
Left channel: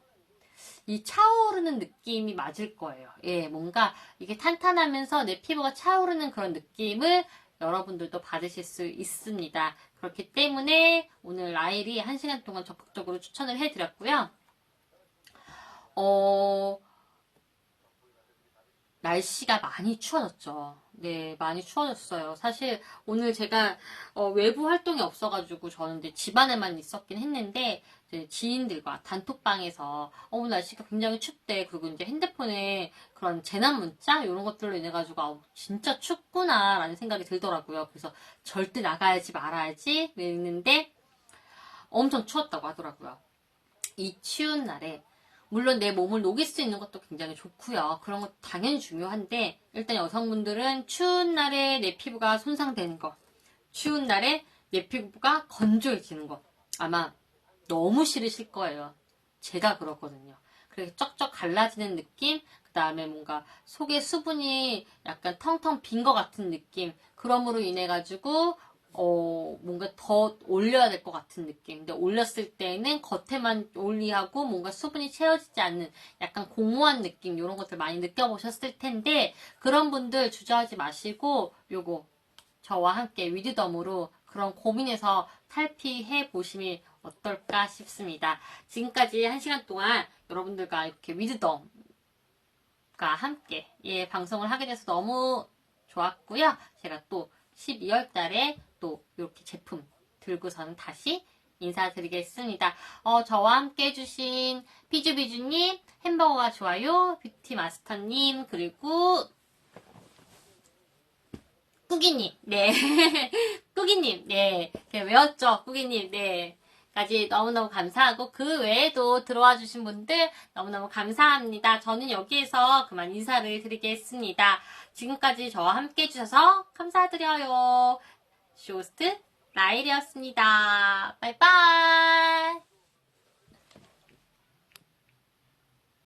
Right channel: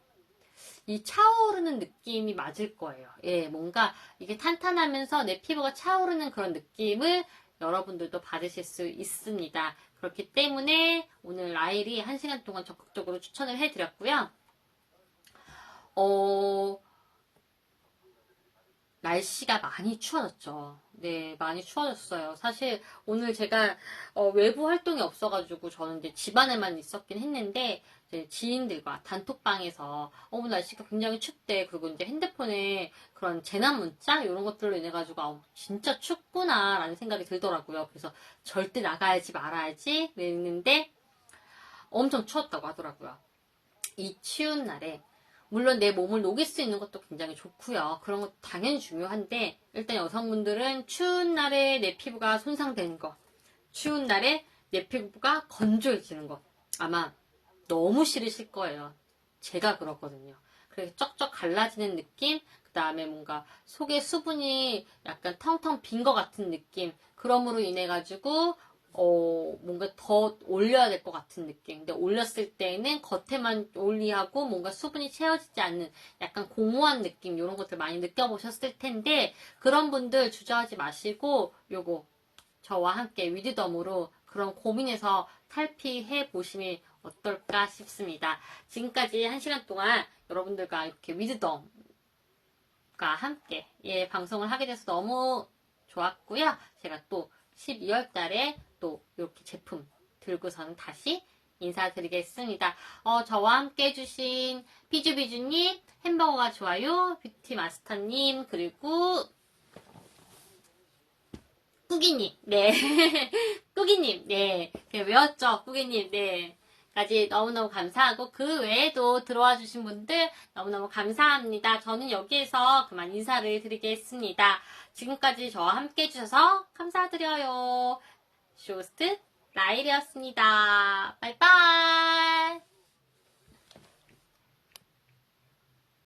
이 차오르는 느낌이 맞을 거예요. 예, 뭔가 이게 탄탄하면서 내 피부가 차오르는 그런 느낌을 여러분들도 받으실 수 있습니다. 그렇기 때문에 오늘 라일이 1시간 동안 적극적으로 추천을 해드렸고요. 날씨가 많이 추워졌죠. 네, 많이 추워졌어요. 사실 오늘 제가 외부 활동이 없어가지고 저는 이제 집안에만 있었긴 했는데 이제 지인들과 단톡방에서 날씨가 굉장히 춥대. 그리고 이제 핸드폰에 그런 재난 문자 이런 것들로 인해 가지고 진짜 춥구나라는 생각이 들더라고요. 그래서 절대 나가야지 말아야지 이랬는데 엄청 추웠다고 하더라고요. 이 추운 날에 물론 내 몸을 녹일 수 있는 것도 굉장히 좋고요. 그런 것도 당연히 중요한데 일단 여성분들은 추운 날에 내 피부가 손상되는 것, 추운 날에 내 피부가 건조해지는 것 아마 너무 싫으실 거예요. 제가 그렇거든요. 그래서 쩍쩍 갈라지는 느낌, 그 다음에 뭔가 속에 수분이 약간 텅텅 빈 것 같은 느낌, 그럼으로 인해 가지고 뭔가 더 올려야 될 것 같은 느낌. 근데 올렸을 때는 겉에만 올리하고 뭔가 수분이 채워지지 않는 약간 공허한 느낌, 이런 것들 많이 느껴보셨을 텐데, 그런 분들 주저하지 마시고, 요거, 저와 함께 위드덤으로 그런 고민해서 탈피해 보시면 어떨까 싶습니다. 지금까지 1시간 동안 여러분들과 이렇게 위드덤과 함께 방송을 하게 돼서 너무 좋았고요. 제가 또 12월 달에 또 이렇게 제품 들고서는 다시 인사드리겠습니다. 저와 함께 해주신 피주비주님, 햄버거가 좋아요, 뷰티마스터님, 그리고 꾸기님, 네. 꾸기님, 네. 제가 외웠죠? 꾸기님, 네. 까지 너무너무 감사하고, 그 외에도 들어와 주신 분들 너무너무 감사합니다. 저는 여기에서 그만 인사를 드리겠습니다. 지금까지 저와 함께 해주셔서 감사드려요. 쇼스트 라일이었습니다. 바이바이.